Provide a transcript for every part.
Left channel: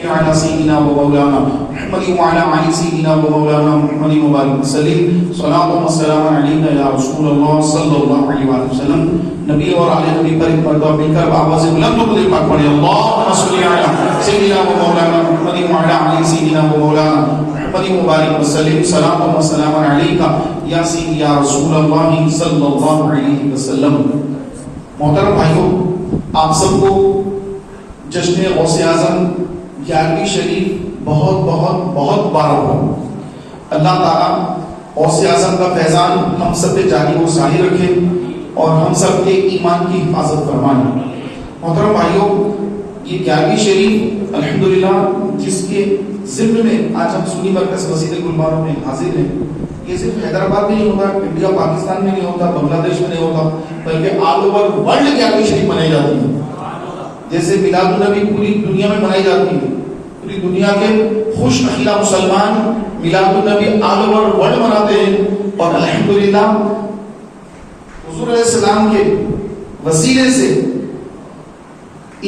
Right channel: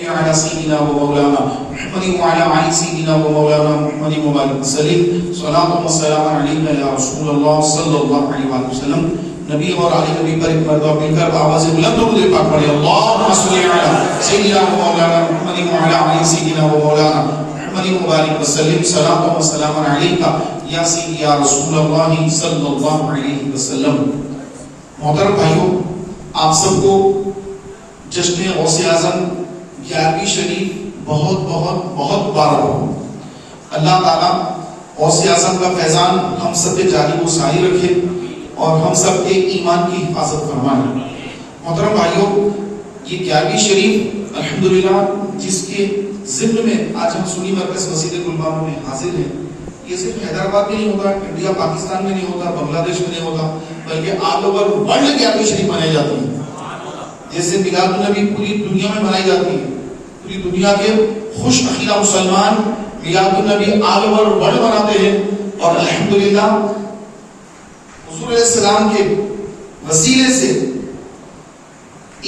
على سيدنا ومولانا محمد وعلى آل سيدنا ومولانا محمد وبارك وسلم صلاة والسلام عليك يا رسول الله صلی اللہ علیہ وسلم. نبی اور آل نبی پر ایک مرتبہ مل کر آواز بلند و بلند پاک پڑھیں اللهم صل على سيدنا ومولانا محمد وعلى آل سيدنا ومولانا محمد وبارك وسلم صلاة والسلام عليك یا سیدی یا رسول اللہ صلی اللہ علیہ وسلم. محترم بھائیو، آپ سب کو جشن غوث اعظم 11ویں شریف بہت بہت بہت بار ہو. اللہ تعالیٰ غوث اعظم کا فیضان ہم سب پہ جاری و ساری رکھے اور ہم سب کے ایمان کی حفاظت فرمائے. محترم بھائیو، یہ 11ویں شریف الحمدللہ جس کے ضمن میں آج ہم سنی مرکز مسجد گلبارگ میں حاضر ہیں، یہ صرف حیدرآباد میں نہیں ہوتا، انڈیا پاکستان میں نہیں ہوتا، بنگلہ دیش میں نہیں ہوتا، بلکہ آل اوور ورلڈ 11ویں شریف منائی جاتی ہے. جیسے میلاد النبی پوری دنیا میں منائی جاتی ہے، پوری دنیا کے خوش اخیرہ مسلمان میلاد النبی آل اوور ورلڈ مناتے ہیں. اور الحمدللہ حضور علیہ السلام کے وسیلے سے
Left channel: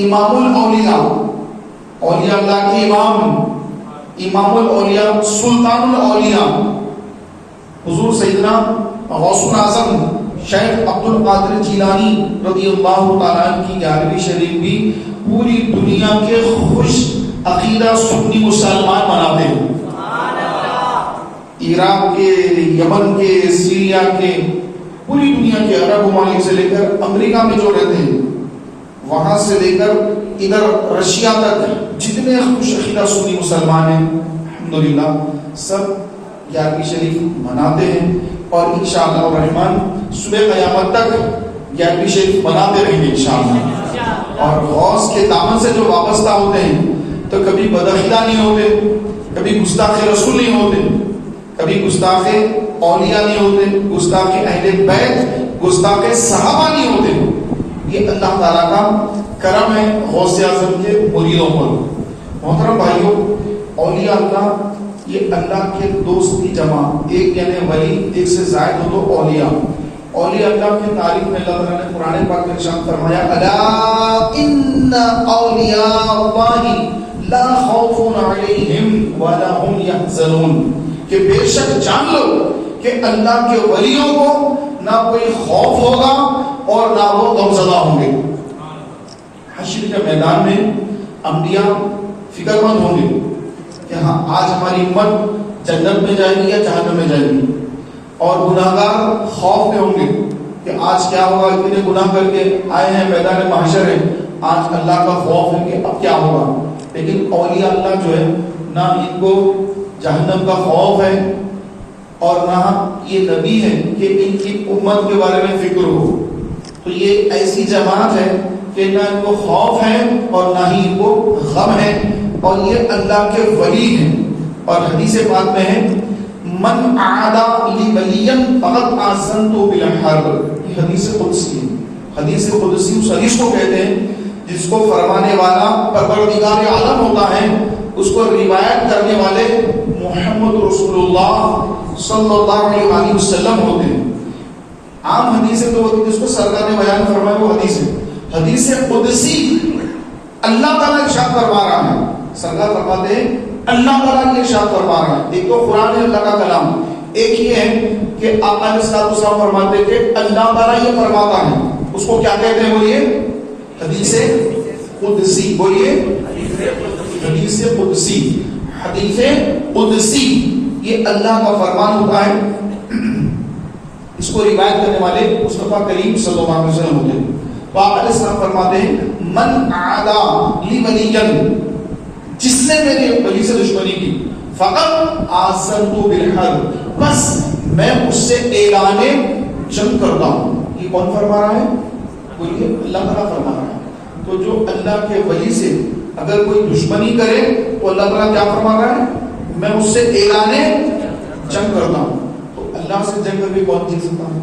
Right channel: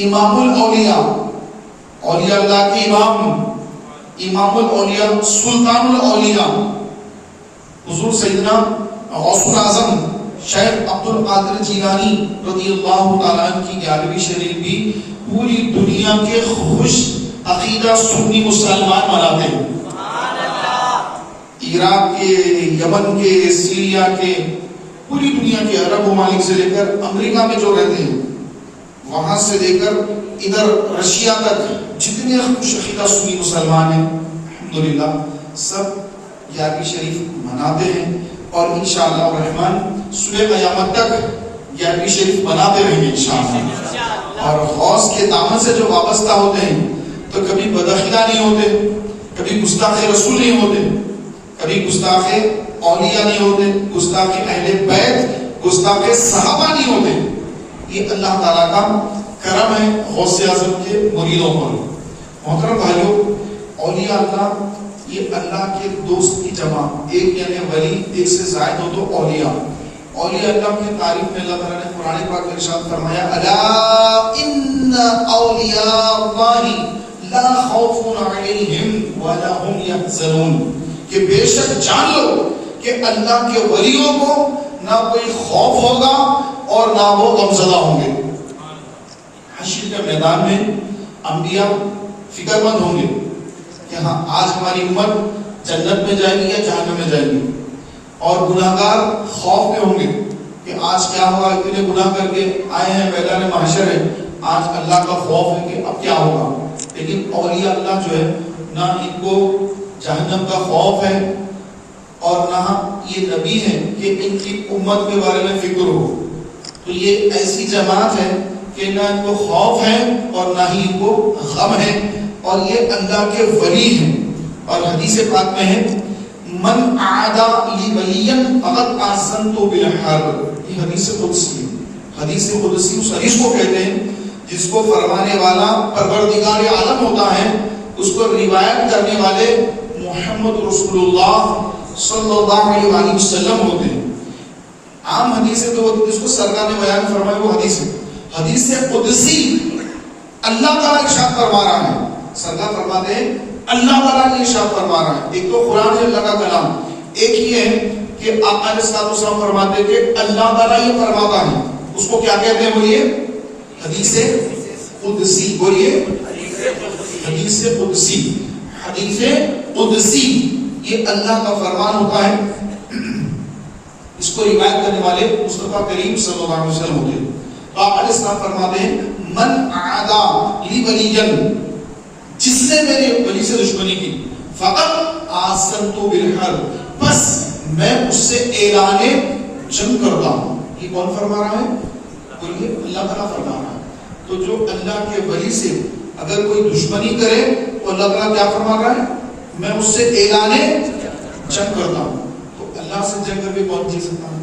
امام الاولیاء، اولیاء اللہ کے امام الاولیاء، سلطان الاولیاء حضور سیدنا غوث الاعظم شیخ عبد القادر جیلانی رضی اللہ تعالیٰ عنہ کی 11ویں شریف بھی پوری دنیا کے خوش عقیدہ سنی مسلمان مناتے ہیں. عراق کے، یمن کے، سیریا کے، پوری دنیا کے عرب ممالک سے لے کر امریکہ میں جو رہتے ہیں، وہاں سے لے کر ادھر رشیا تک جتنے خوش عقیدہ سنی مسلمان ہیں الحمدللہ سب 11ویں شریف مناتے ہیں. اور انشاءاللہ الرحمن صبح قیامت تک 11ویں شریف مناتے رہیں گے انشاءاللہ. اور غوث کے دامن سے جو وابستہ ہوتے ہیں تو کبھی بداخلہ نہیں ہوتے، کبھی گستاخ رسول نہیں ہوتے، کبھی گستاخ اولیاء نہیں ہوتے، گستاخ اہل بیت، گستاخ صحابہ نہیں ہوتے. یہ اللہ تعالیٰ کا کرم ہے غوث اعظم کے مریدوں پر. محترم بھائیو، اولیاء اللہ یہ اللہ کے دوست کی جمع، ایک یعنی ولی، ایک سے زائد ہو تو اولیاء. اولیاء اللہ کی تعریف میں اللہ تعالیٰ نے قرآن پاک میں ارشاد فرمایا الا ان اولیاء اللہ لا خوف علیہم ولا هم يحزنون، کہ بے شک جان لو کہ اللہ کے ولیوں کو نہ کوئی خوف ہوگا اور نہ وہ غمزدہ ہوں گے. حشر کے میدان میں انبیاء فکر مند ہوں گے کہ ہاں آج ہماری امت جنت میں جائے گی یا جہنم میں جائے گی، اور گناہگار خوف میں ہوں گے کہ آج کیا ہوگا، اتنے گناہ کر کے آئے ہیں میدان محشر ہے، آج اللہ کا خوف ہے کہ اب کیا ہوگا. لیکن اولیاء اللہ جو ہے نہ ان کو جہنم کا خوف ہے اور نہ یہ نبی ہے کہ ان کی امت کے بارے میں فکر ہو. تو یہ ایسی جماعت ہے کہ نہ ان کو خوف ہے اور نہ ہی ان کو غم ہے، اور یہ اللہ کے ولی ہیں. اور حدیث پاک میں ہے من عادا لی ولیا فقد آذنت بالحرب. یہ حدیث قدسی ہے. حدیث قدسی اس حدیث کو کہتے ہیں جس کو فرمانے والا پروردگار عالم ہوتا ہے، اس کو روایت کرنے والے محمد رسول اللہ صلی اللہ علیہ وسلم ہوتے ہیں. عام حدیث ہے تو جس کو سرکار نے بیان فرمایا وہ حدیث ہے. حدیث قدسی اللہ تعالیٰ ارشاد فرما رہا ہے، سرکار فرماتے ہیں اللہ تعالیٰ نے ارشاد فرما رہا ہے. ایک تو قرآن ہے اللہ کا کلام، ایک یہ ہے کہ آقا علیہ الصلوۃ والسلام فرماتے کہ اللہ تعالیٰ یہ فرماتا ہے. اس کو کیا کہتے ہیں؟ بولیے حدیث قدسی. بولیے حدیث قدسی. حدیث قدسی یہ اللہ کا فرمان ہوتا ہے. اس کو روایت کرنے والے مصطفیٰ کریم صلی اللہ علیہ وسلم ہوتے ہیں. آقا علیہ السلام فرماتے ہیں من عادا لی ولیا، جس نے میرے ولی سے دشمنی کی، فقط آذنت بالحرب، بس میں اس سے اعلان جنگ کرتا ہوں. یہ کون فرما رہا ہے؟ بولیے اللہ تعالیٰ فرما رہا ہے. تو جو اللہ کے ولی سے اگر کوئی دشمنی کرے تو اللہ تعالیٰ کیا فرما رہا ہے؟ میں اس سے اعلان جنگ کرتا ہوں. تو اللہ سے جنگ کر کے کون جیت سکتا ہے؟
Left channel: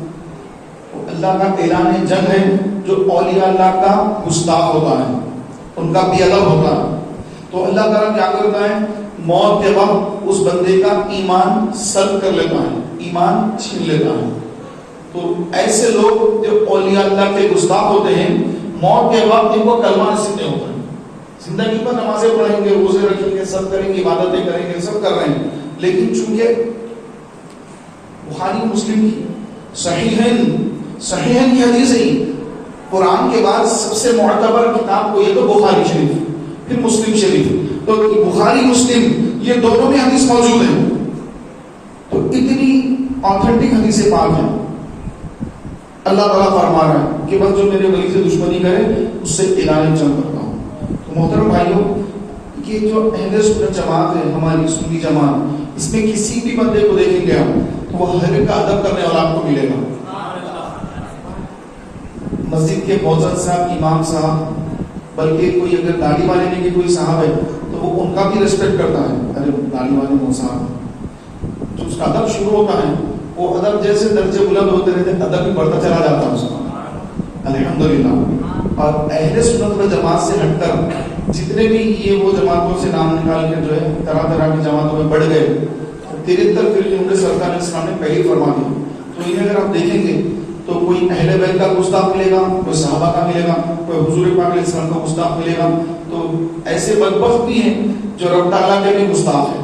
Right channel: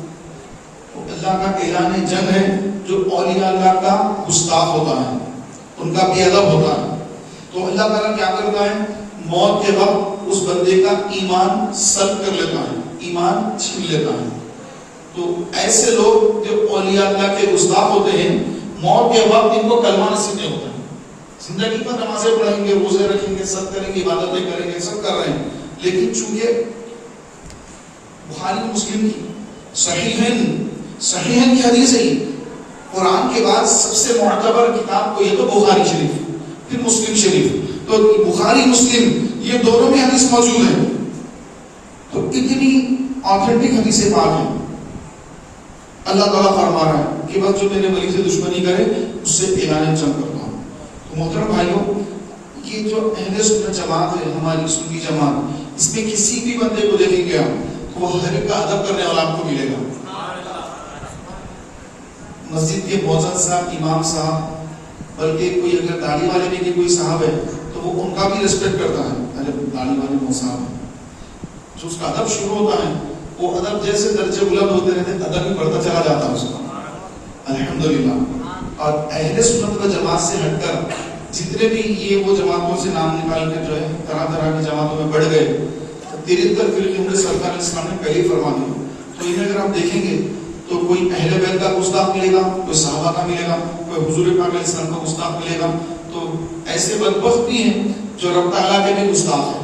تو اللہ کا اعلان جنگ ہے جو اولیاء اللہ کا گستاخ ہوتا ہے، ان کا بے ادب ہوتا ہے. تو اللہ تعالیٰ کیا کرتا ہے؟ موت کے وقت اس بندے کا ایمان سلب کر لیتا ہے، ایمان چھین لیتا ہے. تو ایسے لوگ جو اولیاء اللہ کے گستاخ ہوتے ہیں، موت کے وقت ان کو کلمہ نصیب نہیں ہوتا ہے. زندگی پر نمازیں پڑھیں گے، روزے رکھیں گے، سب کریں گے، عبادتیں کریں گے، سب کر رہے ہیں، لیکن چونکہ بخاری مسلم کی صحیحین کی حدیث ہے، قرآن کے بعد سب سے معتبر کتاب کو یہ تو بخاری شریف، پھر مسلم شریف، تو بخاری مسلم یہ دونوں میں حدیث موجود ہے، تو اتنی آتھینٹک حدیثیں پاک ہیں. اللہ تعالیٰ فرما رہا ہے کہ بس جو میرے ولی سے دشمنی کرے اس سے اعلان جنگ کرتا ہوں. تو محترم بھائیوں، یہ جو اہل سنت جماعت ہے، ہماری سنی جماعت، اس میں کسی بھی بندے کو دیکھیں گے تو وہ ہر ایک کا ادب کرنے والا آپ کو ملے گا. مسجد کے مؤذن صاحب، امام صاحب، بلکہ کوئی اگر داڑھی والے میں کہ کوئی صاحب ہے تو وہ ان کا بھی ریسپیکٹ کرتا ہے. ارے داڑھی والے وہ صاحب ہے، جو اس کا ادب شروع ہوتا ہے، وہ ادب جیسے درجے بلند ہوتے رہتے ادب بھی بڑھتا چلا جاتا ہے اس کا، الحمدللہ. اور اہل سنت و جماعت سے ہٹ کر جتنے بھی یہ وہ جماعتوں سے نام نکال کے جو ہے طرح طرح کی جماعتوں میں بڑھ گئے، 73 فرقے ان کے سرکار اسلام نے پہلے فرما دیا. تو انہیں اگر آپ دیکھیں گے تو کوئی اہل بیت کا گستاخ ملے گا، کوئی صحابہ کا ملے گا، کوئی حضور پاک علیہ السلام کا گستاخ ملے گا. تو ایسے بدبخت بھی ہیں جو رب تعالیٰ کے بھی گستاخ ہیں،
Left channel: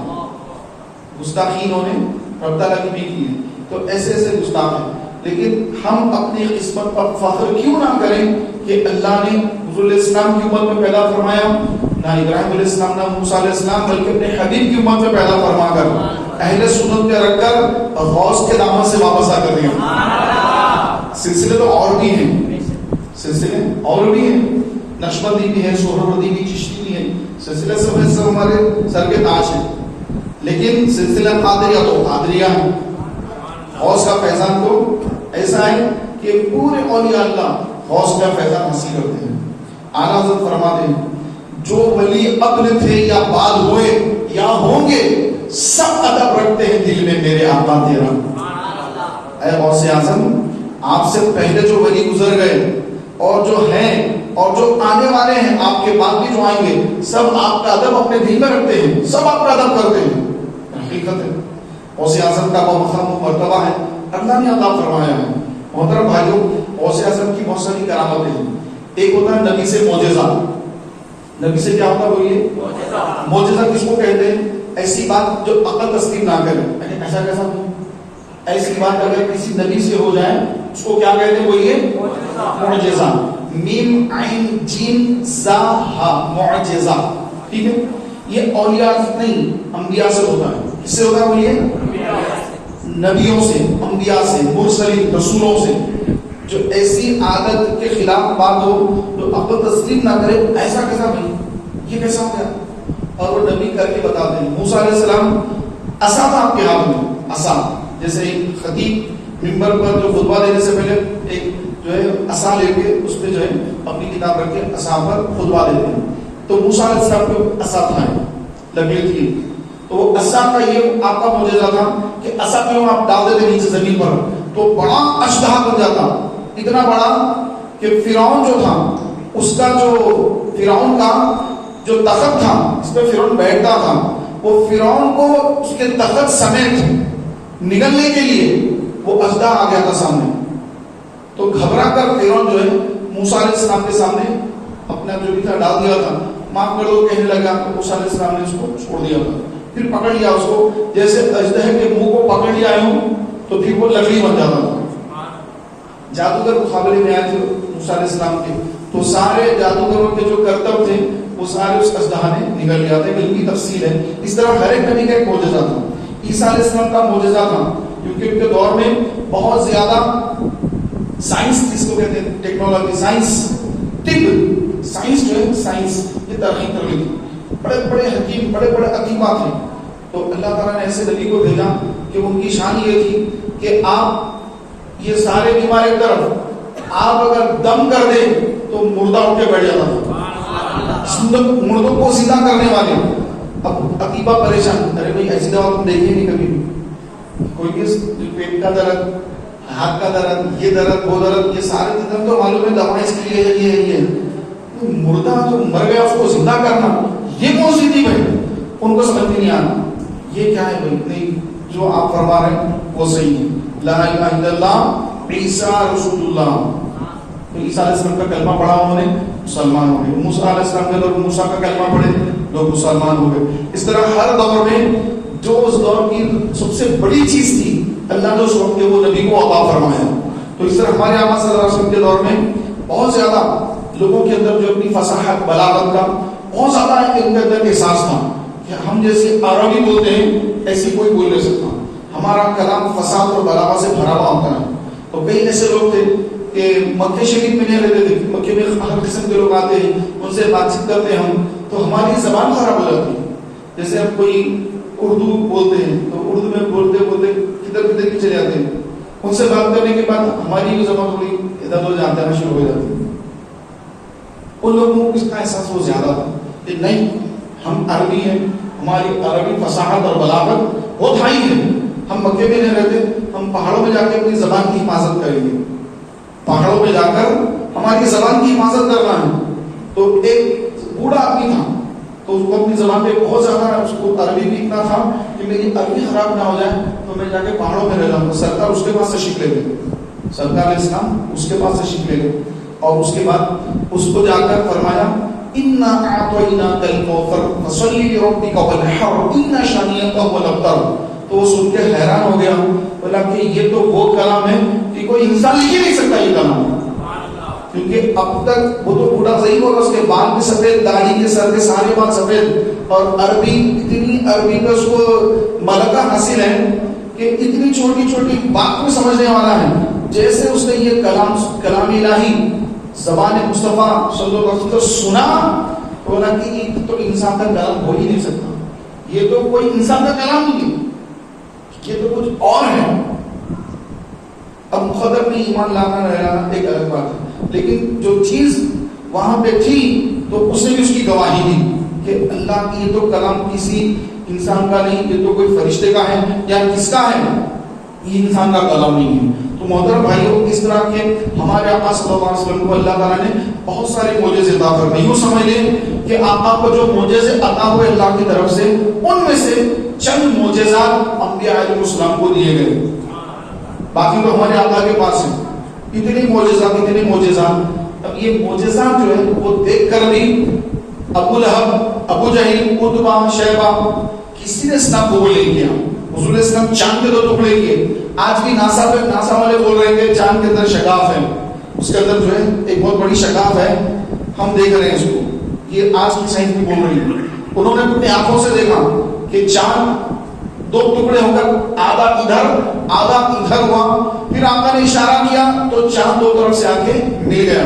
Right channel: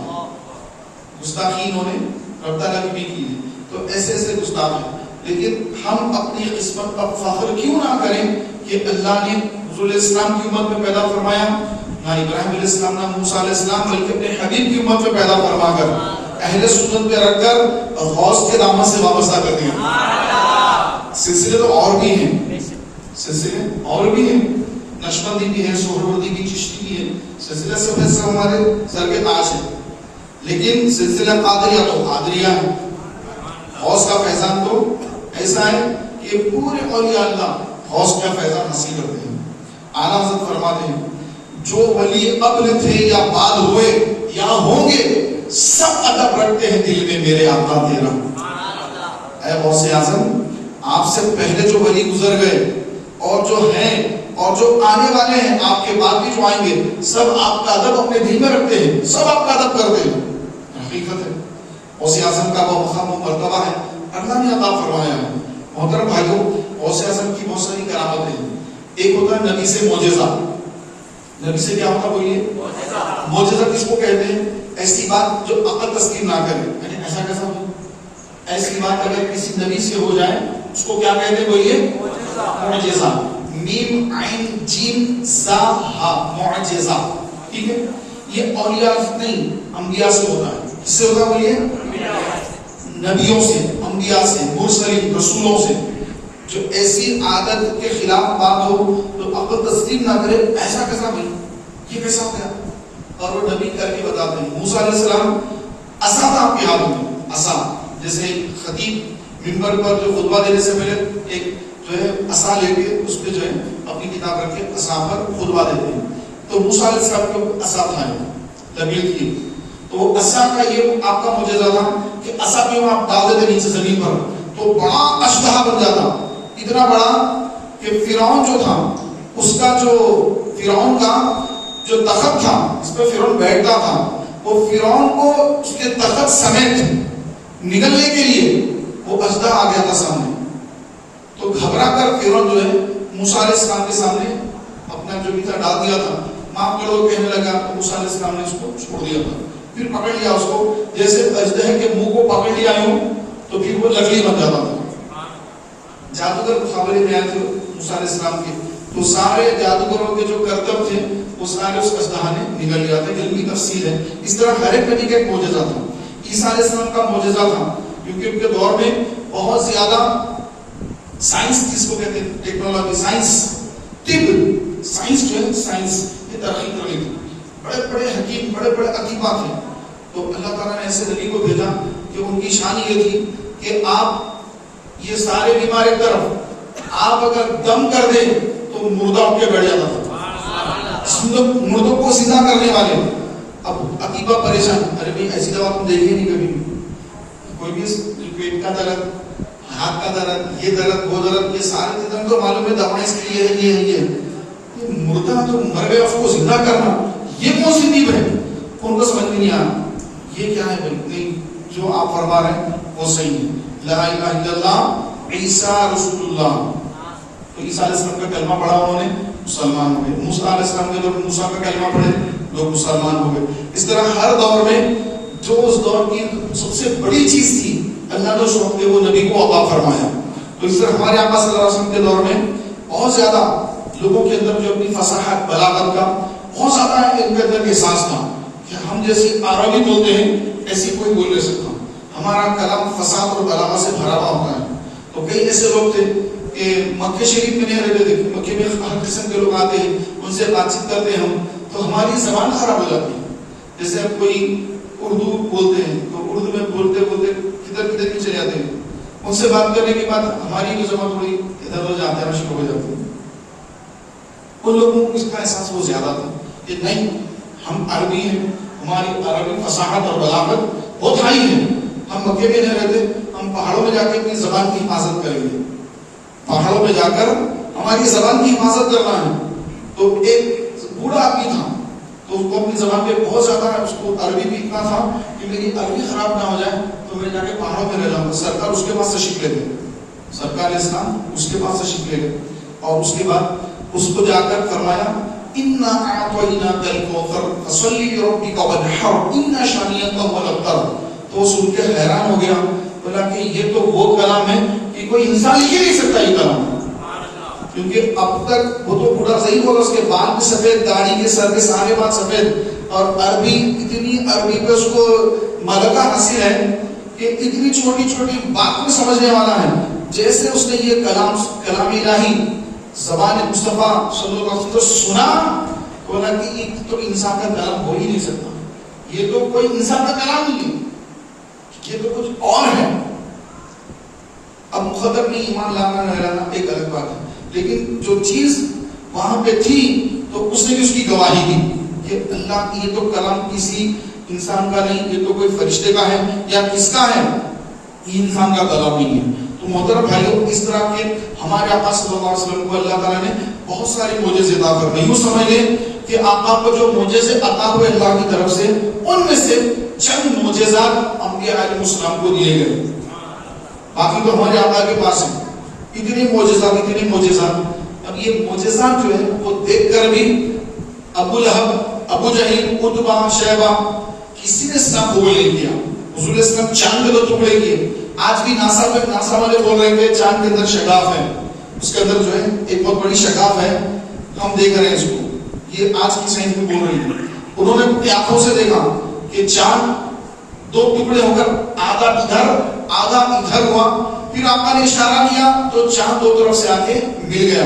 گستاخی انہوں نے رب تعالیٰ کی بھی کی ہے. تو ایسے ایسے گستاخ ہیں، لیکن ہم اپنی قسمت پر فخر کیوں نہ کریں کہ اللہ نے حضور علیہ السلام کی امت میں پیدا فرمایا، نہ ابراہیم علیہ السلام نہ موسیٰ علیہ السلام، بلکہ اپنے حبیب کی امت میں پیدا فرما کر اہل سنت پہ رکھ کر غوث کے دامن سے وابستہ کر دیا. سلسلے تو اور بھی ہیں، سلسلے اور بھی ہیں، نقشبندی بھی ہے، سہروردی بھی، چشتی بھی ہے، سلسلے سب ہمارے سر کے تاج ہیں. لیکن سلسلہ قادریہ تو قادریہ ہے. غوث کا فیضان تو ایسا ہے کہ پورے اولیاء اللہ غوث کا فیضان حاصل کرتے ہیں. اعلیٰ حضرت فرماتے ہیں جو ولی ابن تھے یا بعد ہوئے یا ہوں گے، سب ادب رکھتے ہیں دل میں میرے آقا تیرا. اے غوث اعظم، آپ سے پہلے جو ولی گزر گئے اور جو ہیں اور جو آنے والے ہیں، آپ کے بعد بھی جو آئیں گے، سب آپ کا ادب اپنے دل میں رکھتے ہیں، سب آپ کا ادب کرتے ہیں. حقیقت ہے، غوث اعظم کا وہ مقام و مرتبہ ہے، اللہ نے عطا فرمایا ہے. محترم بھائیوں، غوث اعظم کی بہت ساری کرامتیں ہیں. ایک ہوتا ہے نبی سے معجزہ. نبی سے کیا ہوتا ہے؟ وہ یہ معجزہ کس کو کہتے ہیں؟ ایسی بات جو عقل تسلیم نہ کرے. یعنی ایسا کیسا ہو؟ ایسی بات اگر کسی نبی سے ہو جائے اس کو کیا کہتے ہیں؟ وہ یہ معجزہ. میم عین جیم زا ہا، معجزہ. ٹھیک ہے، یہ اولیاء نہیں، انبیاء سے ہوتا ہے. کس سے ہوتا ہے؟ وہ یہ نبیوں سے، انبیاء سے، مرسلین رسولوں سے. جو ایسی عادت کے خلاف بات ہو تو عقل تسلیم نہ کرے، ایسا کیسا بھائی، یہ کیسا ہو گیا؟ اور وہ نبی کر کے بتاتے ہیں. موسیٰ علیہ السلام عصا تھا آپ کے ہاتھ میں، عصا. جیسے خطیب منبر پر جو خطبہ دینے سے پہلے ایک جو ہے عصا لے کے اس پہ جو ہے اپنی کتاب رکھ کے عصا پر خطبہ دیتے ہیں. تو موسیٰ علیہ السلام کو عصا تھا، لگی تھی. تو عصا کا یہ آپ کا معجزہ تھا کہ عصا کیوں آپ ڈال دیتے نیچے زمین پر تو بڑا اشدہا بن جاتا، اتنا بڑا کہ فرعون جو تھا اس کا جو فرعون کا جو تخت تھا اس پہ فرعون بیٹھتا تھا، وہ فرعون کو اس کے تخت سمیت نگلنے کے لیے وہ اژدہا آ گیا تھا سامنے. تو گھبرا کر فرعون جو ہے موسیٰ علیہ السلام کے سامنے اپنا جو بھی تھا ڈال دیا تھا. معاف کر دو کہنے لگا تو موسیٰ علیہ السلام نے اس کو چھوڑ دیا تھا. پھر پکڑ لیا اس کو، جیسے اژدہے کے منہ کو پکڑ لیا ہوں تو پھر وہ لکڑی بن جاتا تھا. جادوگر مقابلے میں آئے تھے موسیٰ علیہ السلام کے، تو سارے جادوگروں کے جو کرتب تھے وہ سارے اس اژدہا نے نگل لیا تھا. علمی تفصیل ہے. اس طرح ہر ایک نبی کا ایک معجزہ تھا. عیسیٰ علیہ السلام کا معجزہ تھا کیونکہ ان کے دور میں بہت زیادہ سائنس، جس کو کہتے ہیں ٹیکنالوجی، سائنس، طب، سائنس جو ہے سائنس یہ ترقی کر لی تھی. بڑے بڑے حکیم، بڑے بڑے عقیبات ہیں. تو اللہ تعالیٰ نے ایسے نبی کو بھیجا کہ ان کی شان یہ تھی کہ آپ یہ سارے بیمار ایک طرف، آپ اگر دم کر دیں تو مردہ اٹھ کے بیٹھ جاتا تھا. مردوں کو سیدھا کرنے والے. اب عقیبہ پریشان، ارے بھائی ایسی دوا تم دیکھی نہیں کبھی، کوئی بھی پیٹ کا درد، ہاتھ کا درد، یہ درد وہ درد، یہ سارے درد تو معلوم ہے دوا اس کے لیے یہ مردہ تو مر گیا اس کو زندہ کرنا یہ کون سی تھی بھائی؟ ان کو سمجھ میں نہیں آنا یہ کیا ہے بھائی. نہیں، جو آپ فرما رہے ہیں وہ صحیح ہے. لا الہ الا اللہ، عیسیٰ رسول اللہ. تو عیسیٰ علیہ السلام کا کلمہ پڑھا انہوں نے، مسلمان ہو گئے. موسیٰ علیہ السلام کے دور موسیٰ کا کلمہ پڑھے، لوگ مسلمان ہو گئے. اس طرح ہر دور میں جو اس دور کی سب سے بڑی چیز تھی اللہ نے اس وقت کے وہ نبی کو عطا فرمایا. تو اس طرح ہمارے آقا صلی اللہ علیہ وسلم کے دور میں بہت زیادہ لوگوں کے اندر جو اپنی فصاحت بلاغت کا بہت زیادہ ان کے اندر احساس تھا کہ ہم جیسے عربی بولتے ہیں ایسی کوئی بول نہیں سکتا. ہمارا کلام فصاحت اور بلاغت سے بھرا ہوا ہوتا ہے. تو کئی ایسے لوگ تھے کہ مکہ شریف میں نہیں رہتے تھے، مکے میں ہر قسم کے لوگ آتے ہیں، ان سے بات چیت کرتے ہیں ہم، تو ہماری زبان خراب ہو جاتی ہے. جیسے ہم کوئی اردو بولتے ہیں تو اردو میں بولتے بولتے کدھر کدھر کے چلے جاتے ہیں. ان سے بات کرنے کے بعد ہماری بھی زبان تھوڑی ادھر ادھر جانا شروع ہو جاتی ہے. ان لوگوں کو اس کا احساس بہت زیادہ تھا کہ نہیں ہم عربی ہیں، ہماری عربی فصاحت اور بلاغت بہت ہائی ہے. ہم مکے میں نہیں رہتے، ہم پہاڑوں میں جا کے اپنی زبان کی حفاظت کریں گے. پہاڑوں میں جا کر ہماری زبان کی حفاظت کرنا ہے. تو ایک بوڑھا آدمی تھا تو اس کو اپنی زبان پہ بہت زیادہ اس کو عربی بھی اتنا تھا کہ میری عربی خراب نہ ہو جائے تو میں جا کے پہاڑوں میں رہ جاؤں گا. سرکار اس کے پاس تشریف لے گئے، سرکار علیہ السلام اس کے پاس تشریف لے گئے اور اس کے بعد اس کو جا کر فرمایا اِنَّا أَعْطَيْنَاكَ الْكَوْثَرَ فَصَلِّ لِرَبِّكَ وَانْحَرْ إِنَّ شَانِئَكَ هُوَ الْأَبْتَرُ. تو وہ سن کے حیران ہو گیا، بولا کہ یہ تو وہ کلام ہے کہ کوئی انسان لکھ ہی نہیں سکتا یہ کلام، کیونکہ اب تک وہ تو بوڑھا صحیح ہوگا، اس کے بال بھی سفید، داڑھی کے سر کے سارے بال سفید، اور عربی اتنی عربی پہ اس کو ملکہ حاصل ہے کہ اتنی چھوٹی چھوٹی بات میں سمجھنے والا ہے. جیسے اس نے یہ کلام الہی زبان مصطفیٰ صلی اللہ علیہ وسلم سنا تو بولا کہ یہ تو انسان کا کلام ہو ہی نہیں سکتا، یہ تو کوئی انسان کا کلام نہیں ہے، یہ تو کچھ اور ہے. اب مقدر میں ایمان لانا نہ لانا ایک الگ بات ہے، لیکن جو چیز وہاں پہ تھی تو اس نے بھی اس کی گواہی دی کہ اللہ کی یہ تو کلام کسی انسان کا نہیں، یہ تو کوئی فرشتے کا ہے یا کس کا ہے، یہ انسان کا کلام نہیں ہے. تو محترم بھائیوں، اس طرح کے ہمارے آقا صلی اللہ علیہ وسلم کو اللہ تعالیٰ نے بہت سارے معجزے عطا فرمائے. یوں سمجھ لیں کہ آقا کو جو معجزے عطا ہوئے اللہ کی طرف سے، ان میں سے چند معجزات انبیاء علیہ السلام کو دیے گئے، باقی تو ہمارے آقا کے پاس ہیں. اتنی معجزات. اب یہ معجزات جو ہے وہ دیکھ کر بھی ابو لہب، ابو جہل، عتبہ، شیبہ کسی نے اسلام قبول نہیں کیا. حضور اسلام چاند کے 2 ٹکڑے کیے. آج بھی ناسا والے بول رہے ہیں کہ چاند کے اندر شگاف ہے، اس کے اندر جو ہے ایک بہت بڑی شگاف ہے، ہم دیکھ رہے ہیں اس کو. یہ آج کی سائنس بھی بول رہی ہے. انہوں نے اپنی آنکھوں سے دیکھا کہ چاند 2 ٹکڑے ہو کر آدھا ادھر آدھا ادھر ہوا. پھر آقا نے اشارہ کیا تو چاند 2 طرف سے آ کے مل گیا.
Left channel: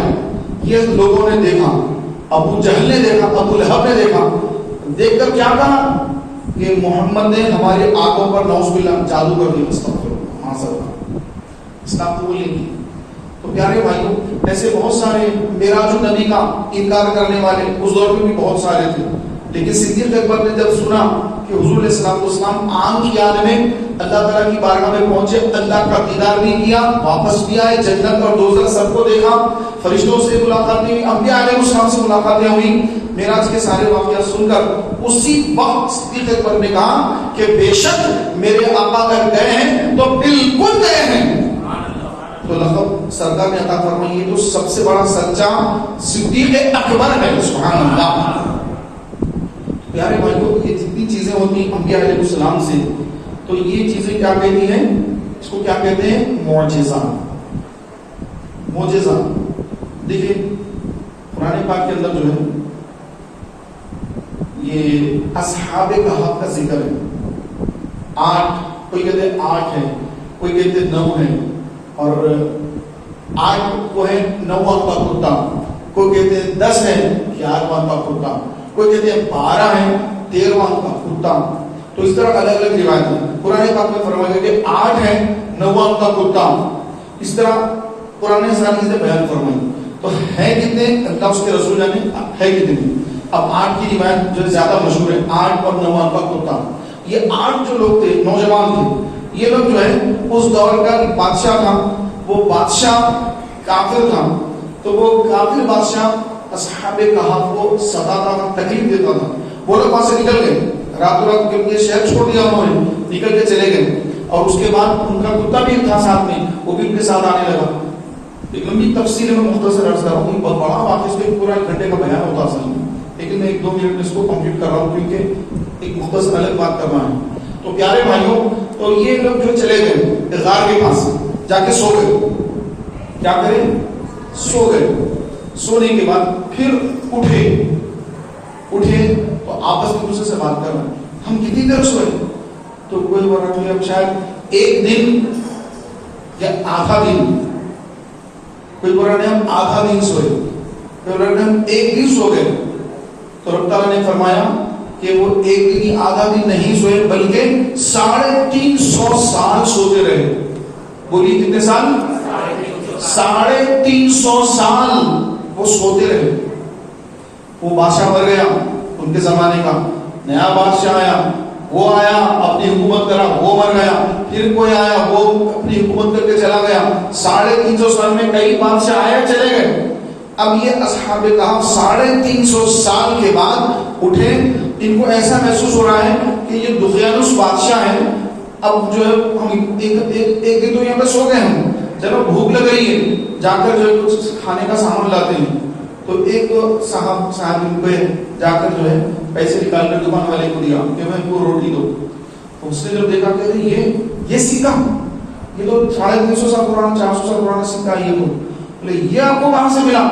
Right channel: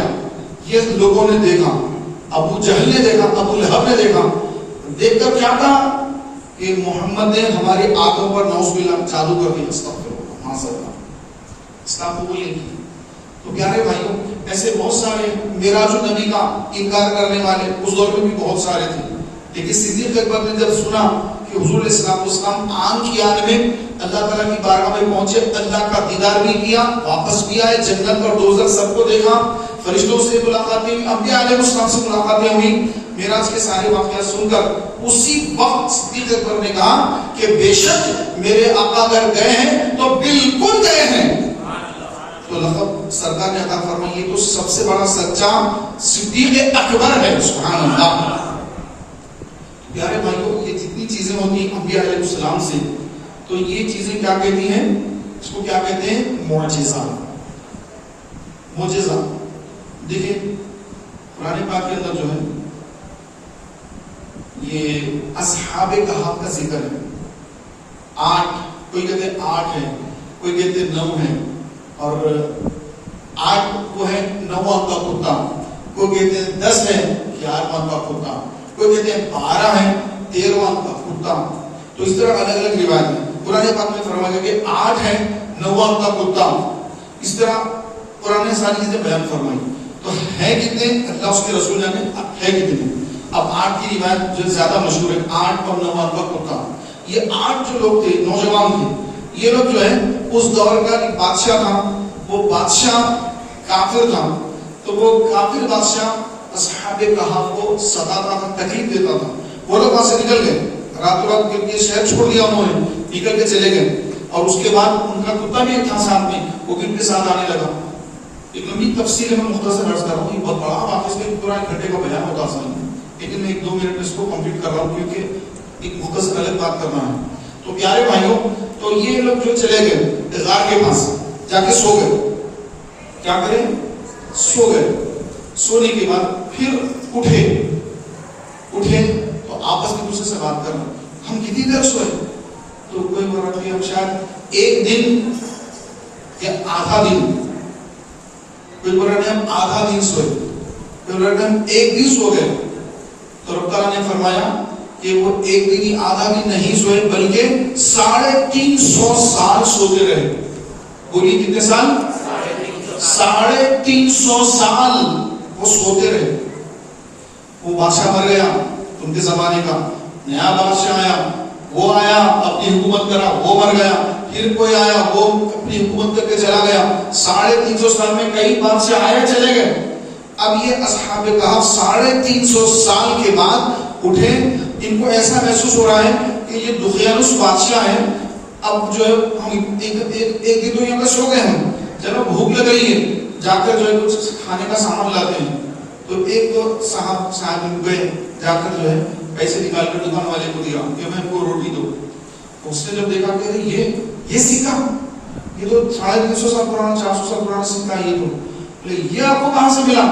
یہ لوگوں نے دیکھا، ابو جہل نے دیکھا، ابو لہب نے دیکھا. دیکھ کر کیا کہا کہ محمد نے ہماری آنکھوں پر نعوذ باللہ جادو کر دیا. اسلام قبول نہیں کی. تو پیارے بھائیوں، ایسے بہت سارے معراج النبی کا انکار کرنے والے اس دور میں بھی بہت سارے تھے، لیکن صدیق اکبر نے جب سنا کہ حضور علیہ السلام عام کی آنے میں اللہ تعالیٰ کی بارگاہ میں پہنچے، اللہ کا دیدار بھی کیا، واپس بھی آئے، جنت اور دوزخ سب کو دیکھا، فرشتوں سے ملاقاتیں ہوئی، انبیاء علیہ السلام سے ملاقاتیں ہوئی. معراج کے سارے واقعات سن کر اسی وقت صدیق اکبر نے کہا کہ بے شک میرے آقا اگر گئے ہیں تو بالکل گئے ہیں. تو لقب سرکار نے عطا فرمائی، یہ تو سب سے بڑا سچا صدیق اکبر ہے. سبحان اللہ. پیارے بھائیوں، یہ جتنی چیزیں ہوتی ہیں انبیاء علیہ السلام سے، تو یہ چیزیں کیا کہتی ہیں؟ اس کو کیا کہتے ہیں؟ معجزہ. معجزہ دیکھیں قرآن پاک کے اندر جو ہے یہ اصحاب کہف کا ذکر ہے. 8، کوئی کہتے ہیں 8 ہے، کوئی کہتے ہیں 9 ہے، اور 8 وہ ہے 9 کا کتا، کوئی کہتے ہیں 10 ہے 11 کا کتا، کوئی کہتے ہیں 12 ہے 13 کا کتا. تو اس طرح الگ الگ روایت ہے. قرآن پاک میں فرمایا گیا کہ 8 ہے 9 کا کتا. اس طرح قرآن نے ساری چیزیں بیان فرمائی. تو ہے کتنے؟ اللہ اس کے رسول نے ہے کتنے؟ اب 8 کی روایت جو زیادہ مشہور ہے، 8 اور 9 کا کتا. یہ 8 جو لوگ تھے، نوجوان تھے، یہ لوگ جو ہے اس دور کا ایک بادشاہ تھا، وہ بادشاہ کافر تھا. تو وہ کافر بادشاہ اصحاب کہف کو ستاتا تھا، تکلیف دیتا تھا. وہ لوگ وہاں سے نکل گئے راتوں رات، یہ شہر چھوڑ دیا انہوں نے، نکل کے چلے گئے. اور اس کے بعد ان کا کتا بھی تھا ساتھ میں، وہ بھی ان کے ساتھ آنے لگا. ایک لمبی تفصیل میں مختصر عرض کر رہا ہوں، بہت بڑا واقعہ، اس کا ایک پورا 1 گھنٹے کا بیان ہوتا اصل میں، لیکن 1-2 منٹ میں اس کو کمپلیٹ کر رہا ہوں کیونکہ ایک مختصر الگ بات کرنا ہے. تو پیارے بھائیوں، تو یہ لوگ جو چلے گئے غار کے پاس جا کے سو گئے. کیا کریں؟ سو گئے. سونے کے بعد پھر اٹھے تو آپس میں دوسرے سے بات کر رہے ہیں، ہم کتنی دیر سوئے؟ تو کوئی بول رہا ہے ہم شاید 1 دن یا آدھا دن. کوئی بول رہا ہے ہم آدھا دن سوئے. کوئی بول رہا ہے ہم 1 دن سو گئے. تو رب تعالیٰ نے فرمایا کہ وہ 1 دن یا آدھا دن نہیں سوئے بلکہ 350 سال سوتے رہے. بولیے کتنے سال؟ 350 سال وہ سوتے رہے. وہ بادشاہ مر گیا، ان کے زمانے کا نیا بادشاہ آیا، وہ آیا اپنی حکومت کرا، وہ مر گیا. پھر کوئی آیا، وہ اپنی حکومت کر کے چلا گیا. 350 سال میں کئی بادشاہ آئے چلے گئے. اب یہ اصحاب کہف 350 سال کے بعد اٹھے. ان کو ایسا محسوس ہو رہا ہے کہ یہ دقیانوس بادشاہ ہیں. اب جو ہے ہم ایک دن تو یہاں پہ سو گئے ہم، چلو بھوک لگ رہی ہے، جا کر جو ہے کچھ کھانے کا سامان لاتے ہیں. تو ایک تو صاحب ان پہ جا کر جو ہے پیسے نکال کر دکان والے کو دیا کہ میں کو روٹی دو. اس نے جب دیکھا کہ یہ سکہ، یہ تو 350 سال پرانا 400 سال پرانا سکہ، یہ تو بولے یہ آپ کو کہاں سے ملا؟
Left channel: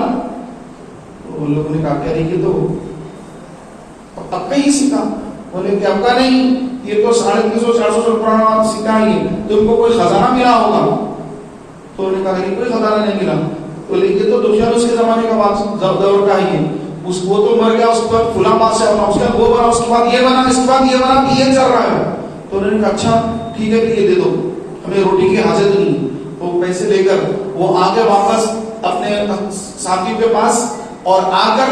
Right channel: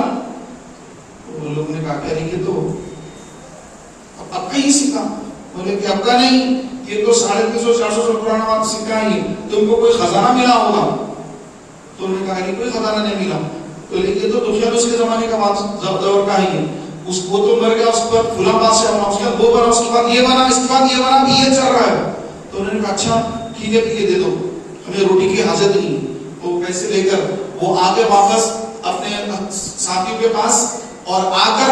تو لوگوں نے کہا کہ یہ تو پکا ہی سکہ. بولے کہ پکا نہیں، یہ تو 350-400 سال پرانا سکہ ہی ہے، تو ان کو کوئی خزانہ ملا ہوگا. تو انہوں نے کہا کہ کوئی خزانہ نہیں ملا. بولے یہ تو دقیانوس کے زمانے کا بات دور کا ہی ہے، وہ تو مر گیا، اس کے بعد فلاں بادشاہ بنا، اس کے بعد وہ بنا، اس کے بعد یہ بنا، اس کے بعد یہ بنا، یہ چل رہا ہے. تو انہوں نے کہا اچھا ٹھیک ہے، یہ دے دو، ہمیں روٹی کی حاجت نہیں. وہ پیسے لے کر وہ آگے واپس اپنے ساتھی کے پاس، اور آ کر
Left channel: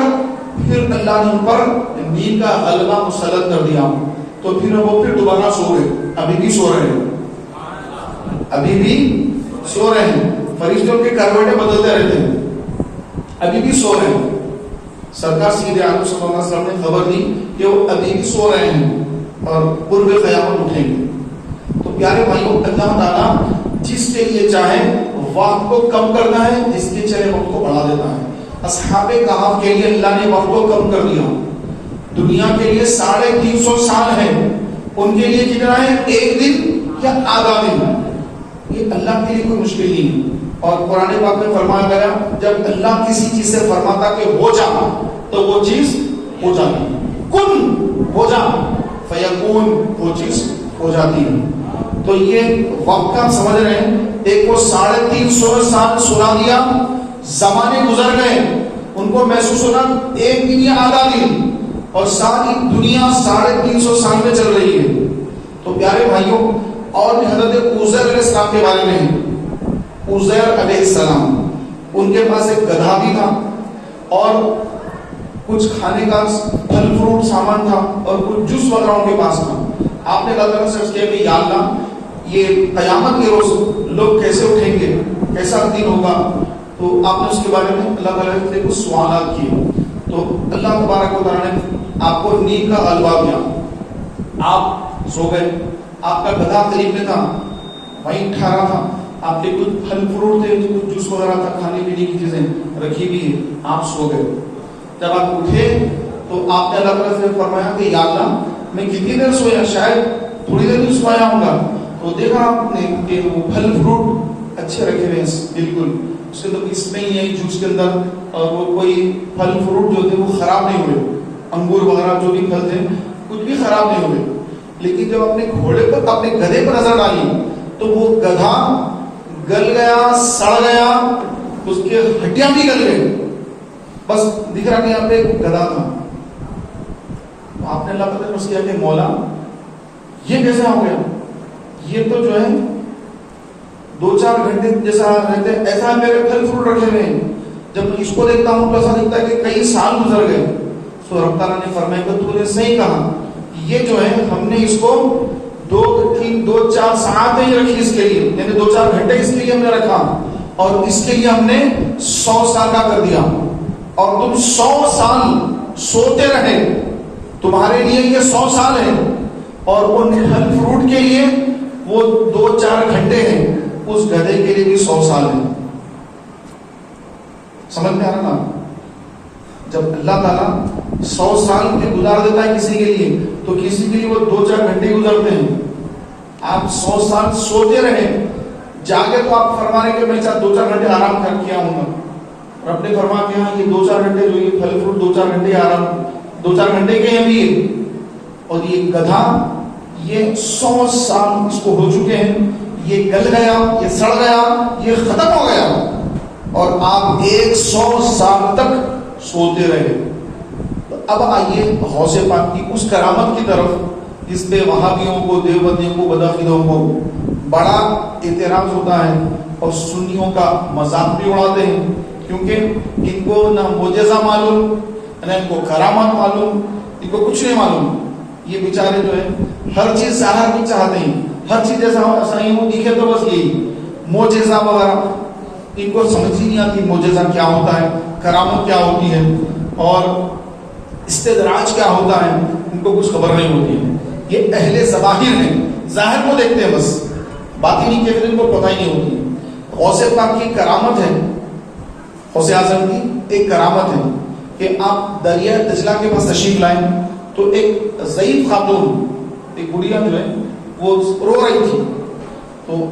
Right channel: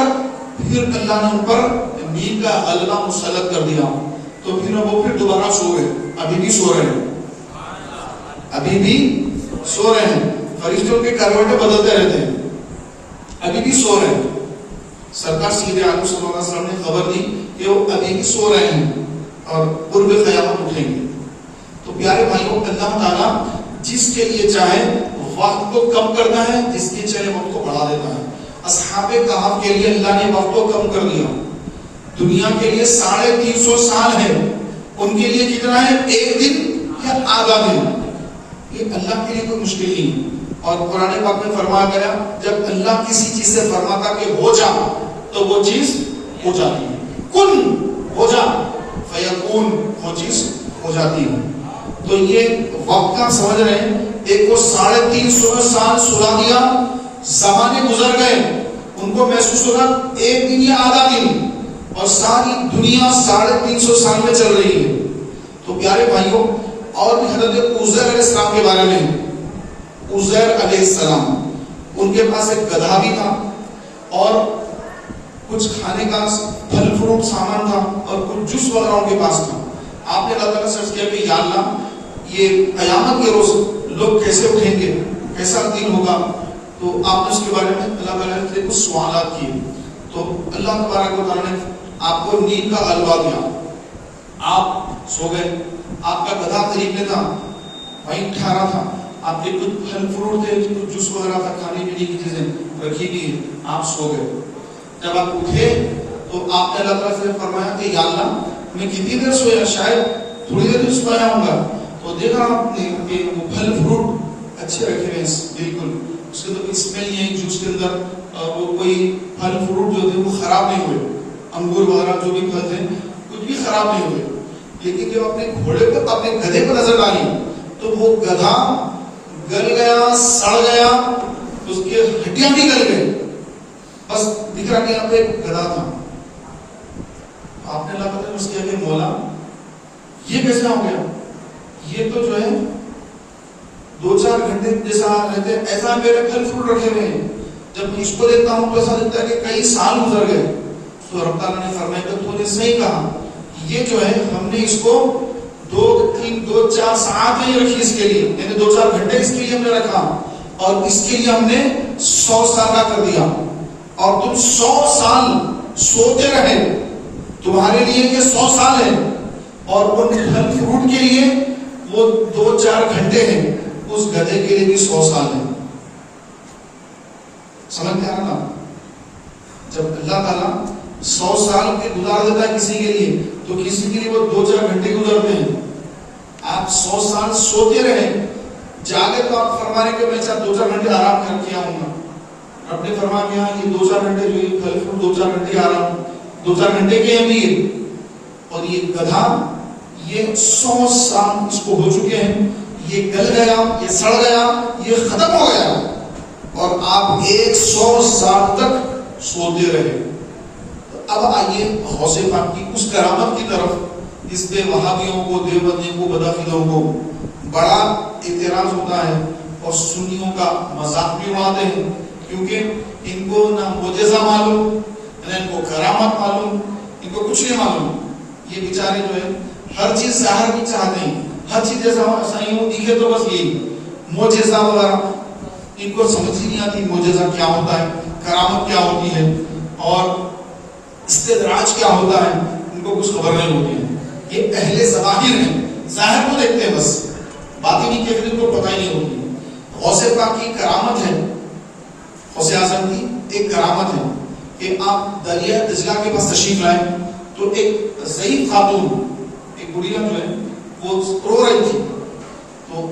پھر اللہ نے ان پر نیند کا غلبہ مسلط کر دیا. تو پھر وہ پھر دوبارہ سو گئے. ابھی بھی سو رہے ہیں، ابھی بھی سو رہے ہیں. فرشتوں کے کروٹیں بدلتے رہتے ہیں، ابھی بھی سو رہے ہیں. سرکار سیدھے عالم صلی اللہ علیہ وسلم نے خبر دی کہ وہ ابھی بھی سو رہے ہیں اور قرب قیامت اٹھیں گے. تو پیارے بھائیوں، اللہ تعالیٰ جس کے لیے چاہے وقت کو کم کرنا ہے، جس کے چاہے وقت کو بڑھا دیتا ہے. اصحاب کہف کے لیے اللہ نے وقت کو کم کر دیا. دنیا کے لیے 350 سال ہے، ان کے لیے کتنا ہے؟ 1 دن یا آدھا دن. یہ اللہ کے لیے کوئی مشکل نہیں ہے. اور قرآن پاک میں فرمایا گیا جب اللہ کسی چیز سے فرماتا کہ ہو جا تو وہ چیز ہو جاتی ہے. کن ہو جا فیکون، وہ چیز ہو جاتی ہے. تو یہ وقت آپ سمجھ رہے ہیں، ایک کو 350 سال سلا دیا، زمانے گزر گئے، ان کو محسوس ہونا 1 دن یا آدھا دن، اور ساری دنیا 350 سال میں چل رہی ہے. تو پیارے بھائیوں، اور بھی حضرت عزیر علیہ السلام کے بارے میں، عزیر علیہ السلام، ان کے پاس ایک گدھا بھی تھا اور کچھ کھانے کا پھل فروٹ سامان تھا اور کچھ جوس وغیرہ ان کے پاس تھا. آپ نے اللہ تعالیٰ سے عرض کیا کہ یا اللہ، یہ قیامت کے روز لوگ کیسے اٹھیں گے، کیسا دن ہوگا؟ تو آپ نے اس کے بارے میں اللہ تعالیٰ سے کچھ سوالات کیے. تو اللہ تبارک و تعالیٰ نے آپ کو نیند کا غلبہ دیا، آپ سو گئے. آپ کا گدھا قریب میں تھا، وہیں ٹھہرا تھا، آپ کے کچھ پھل فروٹ تھے، کچھ جوس وغیرہ تھا، کھانے پینے کی چیزیں رکھی گئی، آپ سو گئے. جب آپ اٹھے تو آپ نے اللہ تعالیٰ سے فرمایا کہ یا اللہ، میں کتنی دیر سویا؟ شاید تھوڑی دیر سویا ہوں گا. تو دیکھا آپ نے کہ وہ پھل فروٹ اچھے رکھے ہوئے ہیں، بالکل اس سے تو اسمیل نہیں آئی جوس کے اندر، اور وہ کوئی پھل فروٹ جو تھے وہ خراب نہیں ہوئے، انگور وغیرہ جو بھی پھل تھے کچھ بھی خراب نہیں ہوئے. لیکن جب اپنے گھوڑے پر، اپنے گدھے پر نظر ڈالی تو وہ گدھا گل گیا، سڑ گیا، اس کے ہڈیاں بھی گل گئی، بس دکھ رہا کہ یہاں پہ ایک گدھا تھا. آپ نے اللہ تعالیٰ نے اس کیا کہ مولا یہ کیسے ہو گیا؟ یہ تو جو ہے 2-4 گھنٹے جیسا رہتے، ایسا میرے پھل فروٹ رکھے ہوئے ہیں، جب میں اس کو دیکھتا ہوں تو ایسا لگتا ہے کہ کئی سال گزر گئے. تو رب تعالیٰ نے فرمایا کہ تو نے صحیح کہا، یہ جو ہے ہم نے اس کو 2-4 ساعتیں ہی رکھی اس کے لیے، یعنی 2-4 گھنٹے اس کے لیے ہم نے رکھا، اور اس کے لیے ہم نے 100 سال کا کر دیا. اور تم 100 سال سوتے رہے، تمہارے لیے یہ 100 سال ہے، اور ان پھل فروٹ کے لیے وہ 2-4 گھنٹے ہیں، اس گدھے کے لیے بھی 100 سال ہے. سمجھ میں آ رہا نا؟ جب اللہ تعالیٰ 100 سال کے گزار دیتا ہے کسی کے لیے تو کسی کے لیے وہ 2-4 گھنٹے گزرتے ہیں. آپ 100 سال سوتے رہے جاگے تو آپ فرما رہے کہ میں 2-4 گھنٹے آرام کر کے آؤں گا. رب نے فرمایا کہ ہاں یہ 2-4 گھنٹے جو یہ پھل فروٹ 2-4 گھنٹے آرام 2-4 گھنٹے کے ہیں بھی. اور یہ گدھا یہ 100 سال اس کو ہو چکے ہیں, یہ گل گیا, یہ سڑ گیا, یہ ختم ہو گیا, اور آپ 100 سال تک سوتے رہے. تو اب آئیے غوث پاک کی اس کرامت کی طرف جس پہ وہابیوں کو, دیوبندیوں کو, بدعقیدوں کو بڑا اعتراض ہوتا ہے اور سنیوں کا مذاق بھی اڑاتے ہیں, کیونکہ ان کو نہ معجزہ معلوم, نہ ان کو کرامت معلوم, ان کو کچھ نہیں معلوم. یہ بیچارے جو ہے ہر چیز ظاہر بھی چاہتے ہیں, ہر چیز جیسا صحیح ہو دکھے تو بس یہی معجزہ وغیرہ ان کو سمجھ ہی نہیں آتی. معجزہ کیا ہوتا ہے, کرامت کیا ہوتی ہے, اور استدراج کیا ہوتا ہے, ان کو کچھ خبر نہیں ہوتی ہے. یہ اہل ظواہر ہیں, ظاہر کو دیکھتے ہیں بس, باطنی کیفیت ان کو پتہ ہی نہیں ہوتی. غوث پاک کی کرامت ہے, غوث اعظم کی ایک کرامت ہے کہ آپ دریا دجلہ کے پاس تشریف لائیں تو ایک ضعیف خاتون, ایک بڑھیا جو ہے وہ رو رہی تھی, تو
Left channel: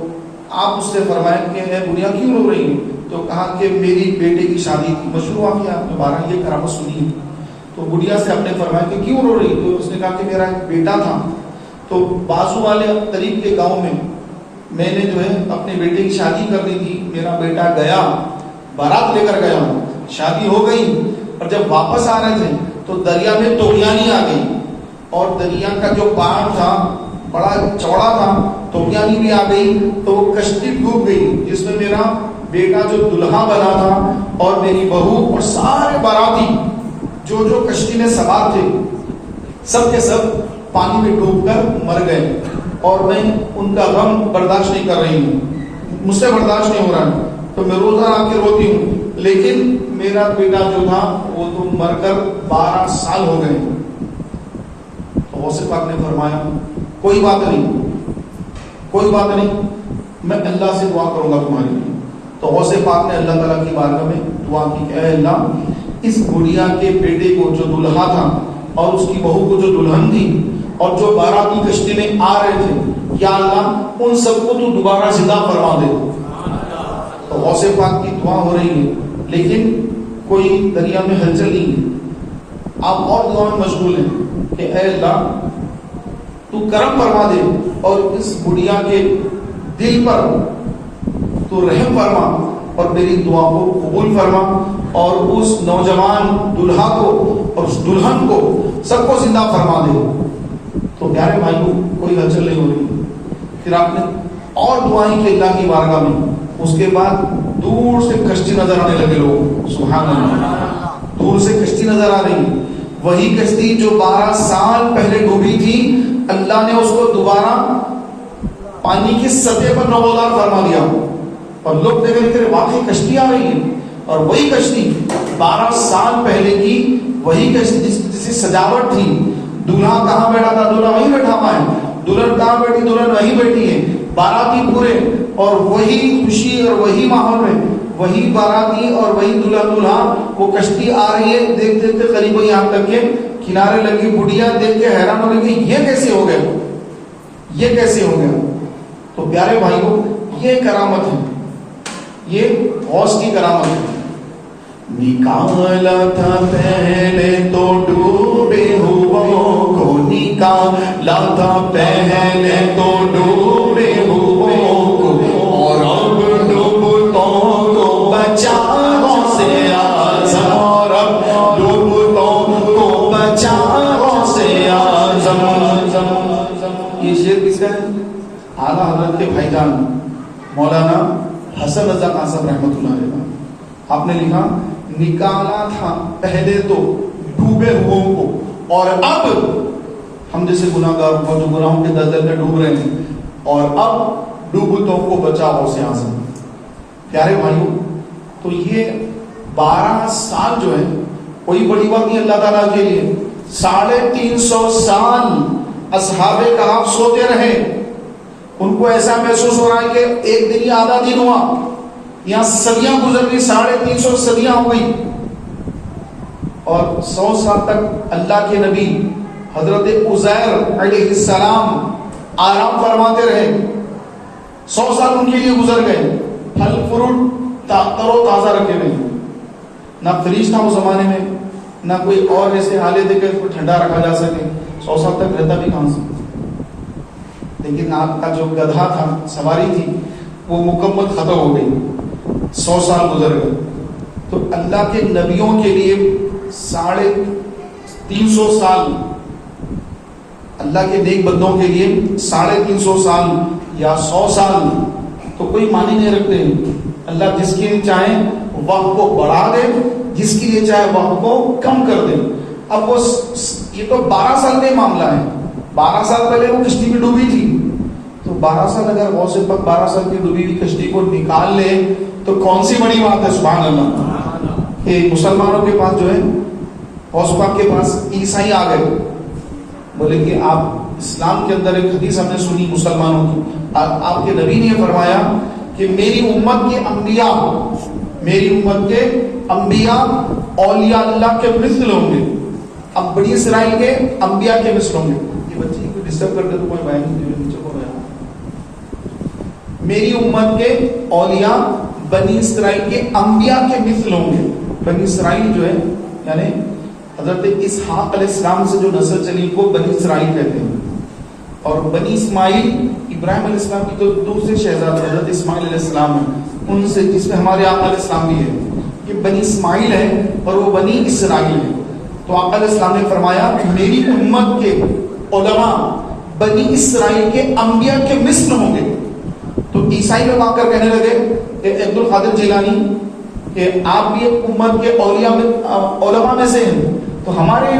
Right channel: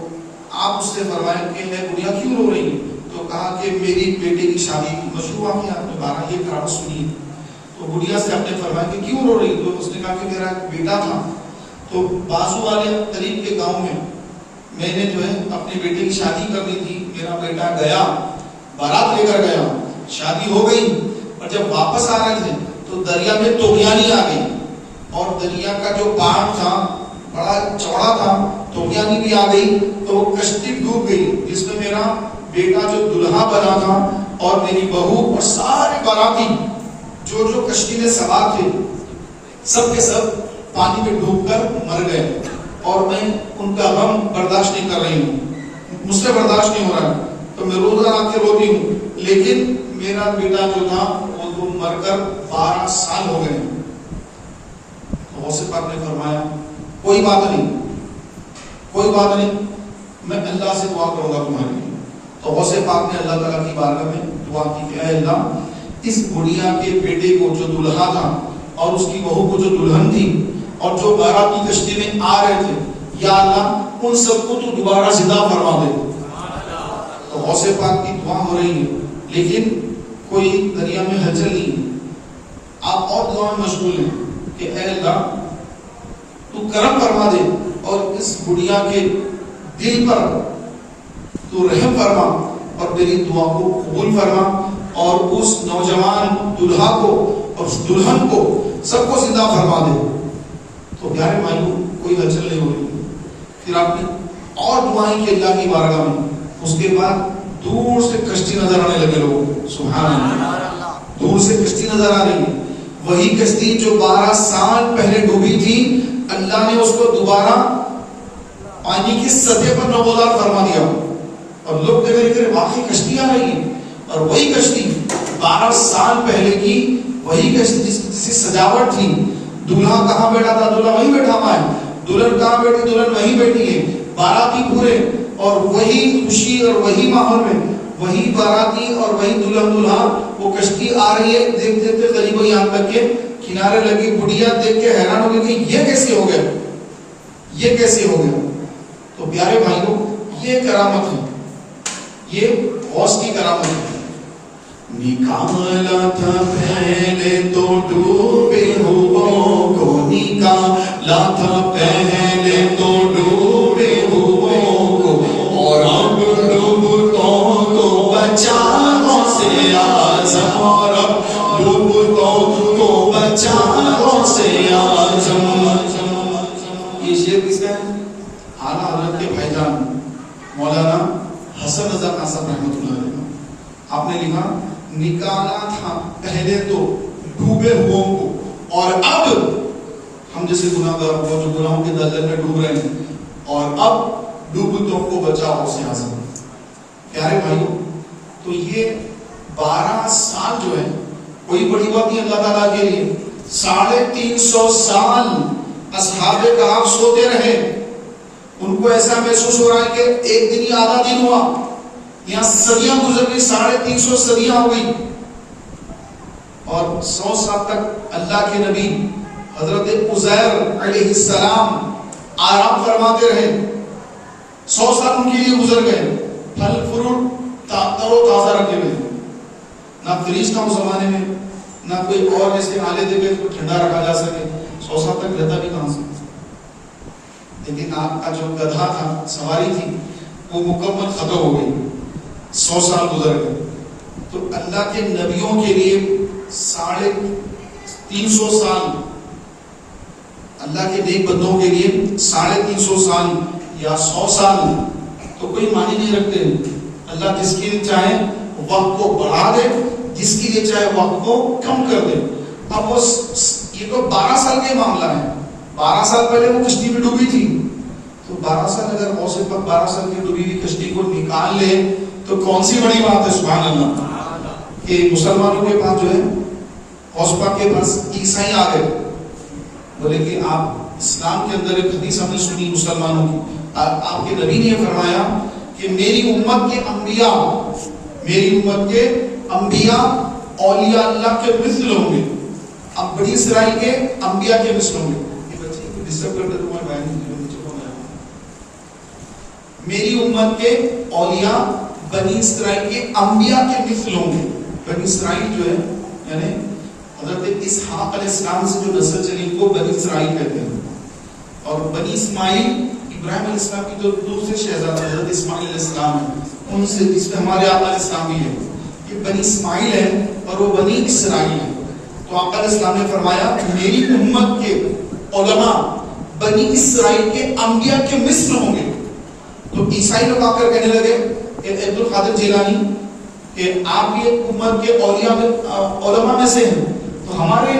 آپ اس سے فرمایا کہ میں بڑھیا کیوں رو رہی ہوں؟ تو کہا کہ میری بیٹے کی شادی کی مشروع واقعہ آپ نے 12 یہ کرامت سنی ہے. تو بڑھیا سے آپ نے فرمایا کہ کیوں رو رہی؟ تو اس نے کہا کہ میرا ایک بیٹا تھا, تو بازو والے قریب کے گاؤں میں نے جو ہے اپنے بیٹے کی شادی کر دی تھی. میرا بیٹا گیا, بارات لے کر گیا, شادی ہو گئی, اور جب واپس آ رہے تھے تو دریا میں توغیانی آ گئی, اور دریا کا جو پہاڑ تھا بڑا چوڑا تھا, توغیانی بھی آ گئی, تو وہ کشتی ڈوب گئی جس میں میرا بیٹا جو دلہا بنا تھا اور میری بہو اور سارے باراتی جو کشتی میں سوار تھے سب کے سب پانی میں ڈوب کر مر گئے, اور میں ان کا غم برداشت نہیں کر رہی ہوں, مجھ سے برداشت نہیں ہو رہا ہے. تو میں روزہ آ کے روتی ہوں, لیکن میرا بیٹا جو تھا وہ تو مر کر 12 سال ہو گئے. تو غوث پاک نے فرمایا کوئی بات نہیں, کوئی بات نہیں, میں اللہ سے دعا کروں گا تمہارے لیے. تو غوث پاک نے اللہ تعالیٰ کی بارگاہ میں دعا کی کہ اے اللہ اس بڑھیا کے بیٹے کو جو دلہا تھا اور اس کی بہو کو جو دلہن تھی اور جو باراتی کشتی میں آ رہے تھے, یا اللہ ان سب کو تو دوبارہ زندہ فرما دے. تو غوث پاک کی دعا ہو رہی ہے لیکن کوئی دریا میں ہلچل نہیں ہے. آپ اور دعا میں مشغول ہیں کہ اے اللہ تو کرم فرما دے اور اس بڑھیا کے دل پر تو رحم فرما اور میری دعا کو قبول فرما, اور اس نوجوان دلہا کو اور اس دلہن کو سب کو زندہ فرما دے. تو پیارے بھائیوں کوئی ہلچل نہیں ہو رہی. پھر آپ نے اور دعائیں کی اللہ کی بارگاہ میں. اس کے بعد دور سے کشتی نظر آنے لگے لوگ, سبحان اللہ, دور سے کشتی نظر آ رہی. وہی کشتی جو 12 سال پہلے ڈوبی تھی اللہ نے اس کو دوبارہ پانی کی سطح پر نمودار فرما دیا, اور لوگ دیکھ رہے کہ واقعی کشتی آ رہی ہے. اور وہی کشتی 12 سال پہلے کی وہی کشتی جس کی سجاوٹ تھی, دولہا کہاں بیٹھا تھا دولہا وہیں بیٹھا ہوا ہے, دلہن کہاں بیٹھی دلہن وہیں بیٹھی ہے, باراتی پورے اور وہی خوشی اور وہی ماحول میں وہی باراتی اور وہی دلہن دولہا وہ کشتی آ رہی ہے. دیکھ دیکھتے قریب یہاں تک کے کنارے لگی. بڑھیا دیکھ کے حیران ہو گئی کہ یہ کیسے ہو گیا, یہ کیسے ہو گیا. تو پیارے بھائیوں یہ کرامت ہے, یہ غوث کی کرامت ہے. نکالا تھا پہلے تو ڈوبے ہوئوں کو, نکالا تھا پہلے تو ڈوبے ہوئوں کو, اور اب ڈوبتوں کو بچاؤ سے اعظم, اور اب ڈوبتوں کو بچاؤ سے اعظم. یہ شعر کس کا ہے؟ اعلیٰ حضرت کے بھائی جان مولانا حسن رضا قاسم رحمۃ اللہ علیہ. آپ نے لکھا نکالا تھا پہلے تو ڈوبے ہوئوں کو, اور اب ہم جیسے گناہگار کو جو گناہوں کے دلدل میں ڈوب رہے ہیں, اور اب ڈوبتوں کو بچاؤ سے اعظم. پیارے بھائیوں تو یہ 12 سال جو ہے کوئی بڑی بات نہیں اللہ تعالیٰ کے لیے. 350 سال اصحاب کہف سوتے رہے, ان کو ایسا محسوس ہو رہا ہے کہ ایک دن یا آدھا دن ہوا, یہاں صدیاں گزر گئی، 350 صدیاں ہو گئی، اور 100 سال تک اللہ کے نبی حضرت عزیر علیہ السلام آرام فرماتے رہے. 100 سال ان کے لیے گزر گئے، پھل فروٹ تر و تازہ رکھے ہوئے، نہ فریج تھا اس زمانے میں، نہ کوئی اور ایسے آلے دے کے اس کو ٹھنڈا رکھا جا سکے. 100 سال تک رہتا بھی کہاں سے؟ لیکن آپ کا جو گدھا تھا، سواری تھی، وہ مکمل ختم ہو گئی، 100 سال گزر گئے. تو اللہ کے نبیوں کے لیے 350 سال، اللہ کے نیک بندوں کے لیے 350 سال یا 100 سال تو کوئی معنی نہیں رکھتے. اللہ جس کے لیے چاہے وقت کو بڑھا دے، جس کے لیے چاہے وقت کو کم کر دے. اب وہ یہ تو 12 سال کا معاملہ ہے. 12 سال پہلے وہ کشتی میں ڈوبی تھی، تو 12 سال اگر غوث پاک 12 سال کی ڈوبی ہوئی کشتی کو نکال لے تو کون سی بڑی بات ہے. سبحان اللہ. کہ مسلمانوں کے پاس جو ہے، غوث پاک کے پاس عیسائی آ گئے، بولے کہ آپ اسلام کے اندر ایک حدیث ہم نے سنی مسلمانوں کی، آپ کے نبی نے فرمایا کہ میری امت کے انبیاء اولیاء اللہ کے مثل ہوں گے. اب بنی اسرائیل کے انبیاء کے مثل ہوں گے. یہ بچے کو ڈسٹرب کرتے تو کوئی بھائی نہیں، میری امت کے اولیاء بنی اسرائیل کے انبیاء کے مثل ہوں گے. بنی اسرائیل جو ہے یعنی حضرت اسحاق علیہ السلام سے جو نسل چلی کو بنی اسرائیل کہتے ہیں. اور بنی اسماعیل ابراہیم علیہ السلام کی تو دوسرے شہزادے حضرت اسماعیل علیہ السلام ہیں، ان سے جس میں ہمارے آقا علیہ السلام بھی ہے. یہ بنی اسماعیل ہے اور وہ بنی اسرائیل ہے. تو آقا علیہ السلام نے فرمایا میری امت کے علماء بنی اسرائیل کے انبیاء کے مثل ہوں گے. تو عیسائی لوگ آ کر کہنے لگے کہ عبد القادر جیلانی کہ آپ بھی امت کے اولیاء میں علماء میں سے ہیں، تو ہمارے جو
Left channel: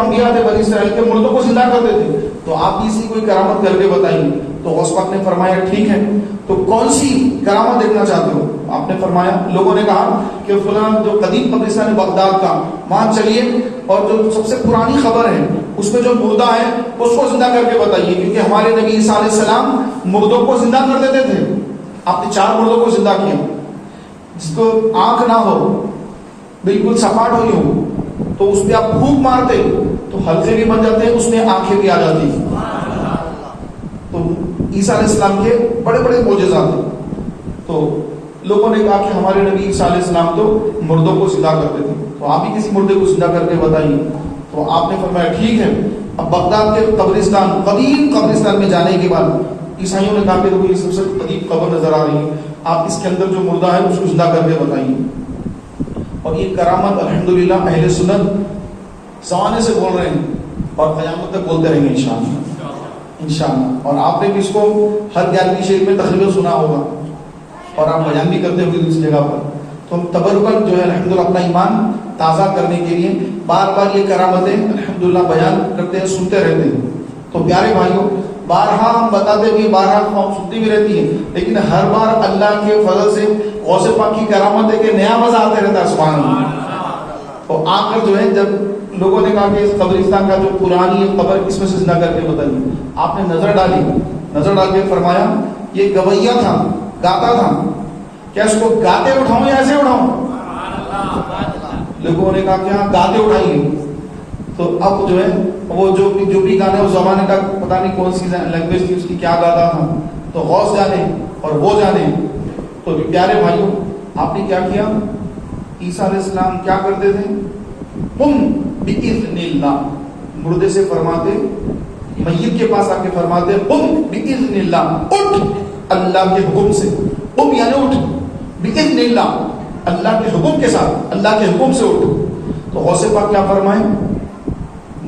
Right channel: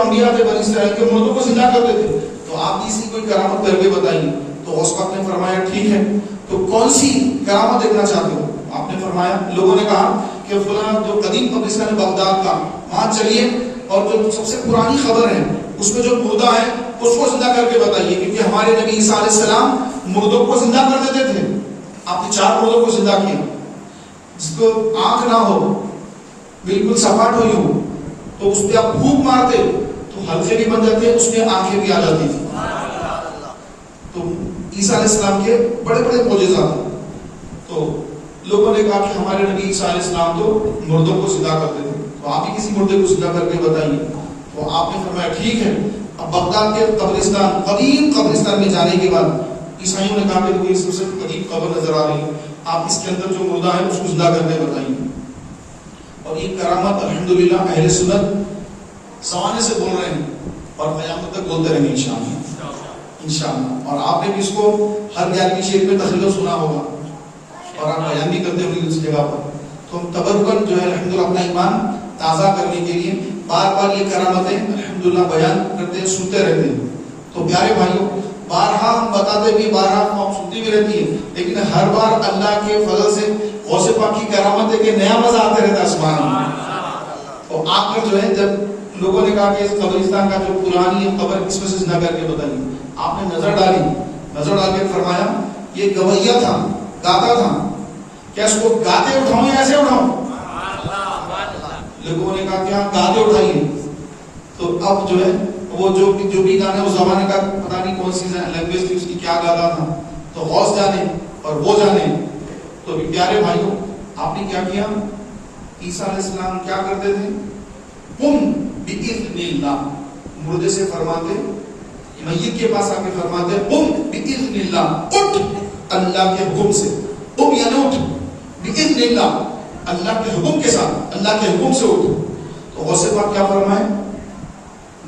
انبیاء تھے بنی اسرائیل کے مردوں کو زندہ کرتے تھے، تو آپ بھی اسی کوئی کرامت کر کے بتائیے. تو غوث پاک نے فرمایا ٹھیک ہے، تو کون سی کرامت دیکھنا چاہتے ہو؟ آپ نے فرمایا، لوگوں نے کہا کہ فلاں جو قدیم قبرستان ہے بغداد کا، وہاں چلیے اور جو سب سے پرانی خبر ہے اس میں جو مردہ ہے اس کو زندہ کر کے بتائیے، کیونکہ ہمارے نبی عیسیٰ علیہ السلام مردوں کو زندہ کر دیتے تھے. آپ نے 4 مردوں کو زندہ کیا، جس کو آنکھ نہ ہو، بالکل سپاٹ ہوئی ہو، تو اس پہ آپ پھونک مارتے تو حلقے بھی بن جاتے، اس میں آنکھیں بھی آ جاتی تھی. تو عیسیٰ علیہ السلام کے بڑے بڑے معجزات ہیں. تو لوگوں نے کہا کہ ہمارے نبی عیسیٰ علیہ السلام تو مردوں کو زندہ کرتے تھے، تو آپ بھی کسی مردے کو زندہ کر کے بتائیے. تو آپ نے فرمایا ٹھیک ہے. اب بغداد کے قبرستان، قدیم قبرستان میں جانے کے بعد عیسائیوں نے کہا کہ کوئی سب سے قدیم قبر نظر آ رہی ہے، آپ اس کے اندر جو مردہ ہے اس کو زندہ کر کے بتائیے. اور یہ کرامت الحمدللہ اہل سنت زمانے سے بول رہے ہیں اور قیامت تک بولتے رہیں گے انشاءاللہ. اور آپ نے بھی اس کو ہر 11ویں شریف میں تقریر سنا ہوگا اور آپ بیان بھی کرتے ہوئے اس جگہ پر. تو ہم تبرکن جو ہے الحمدللہ اپنا ایمان تازہ کرنے کے لیے بار بار یہ کرامتیں الحمدللہ بیان کرتے ہیں، سنتے رہتے ہیں. تو پیارے بھائیوں، بارہا ہم بتاتے بھی، بارہا ہم سنتی بھی رہتی ہے، لیکن ہر بار اللہ کے فضل سے غوث پاک کی کرامت ہے کہ نیا مزہ آتے رہتا ہے. سبحان اللہ. تو آ کر جو ہے جب لوگوں نے کہا کہ اس قبرستان کا جو پرانی قبر اس میں سے زندہ کر کے بتائیے، آپ نے نظر ڈال کے فرمایا یہ گویا تھا، گاتا تھا، کیا اس کو گاتے اٹھاؤں یا ایسے اٹھاؤں؟ لوگوں نے کہا کہ ہاں گاتے اٹھائیے. تو اب جو ہے وہ جو بھی گانے اس زمانے کا پتہ نہیں کون سی لینگویج تھی اس کی، کیا گاتا تھا، تو غوث جانے اور وہ جانے. تو پیارے بھائیوں، آپ نے کیا کیا؟ عیسیٰ علیہ السلام کیا کرتے تھے؟ قم بإذن اللہ، مردے سے فرماتے، میت کے پاس آ کے فرماتے قم بإذن اللہ، اٹھ اللہ کے حکم سے. قم یعنی اٹھ، بإذن اللہ اللہ کے حکم کے ساتھ، اللہ کے حکم سے اٹھ. تو غوث پاک کیا فرمائے؟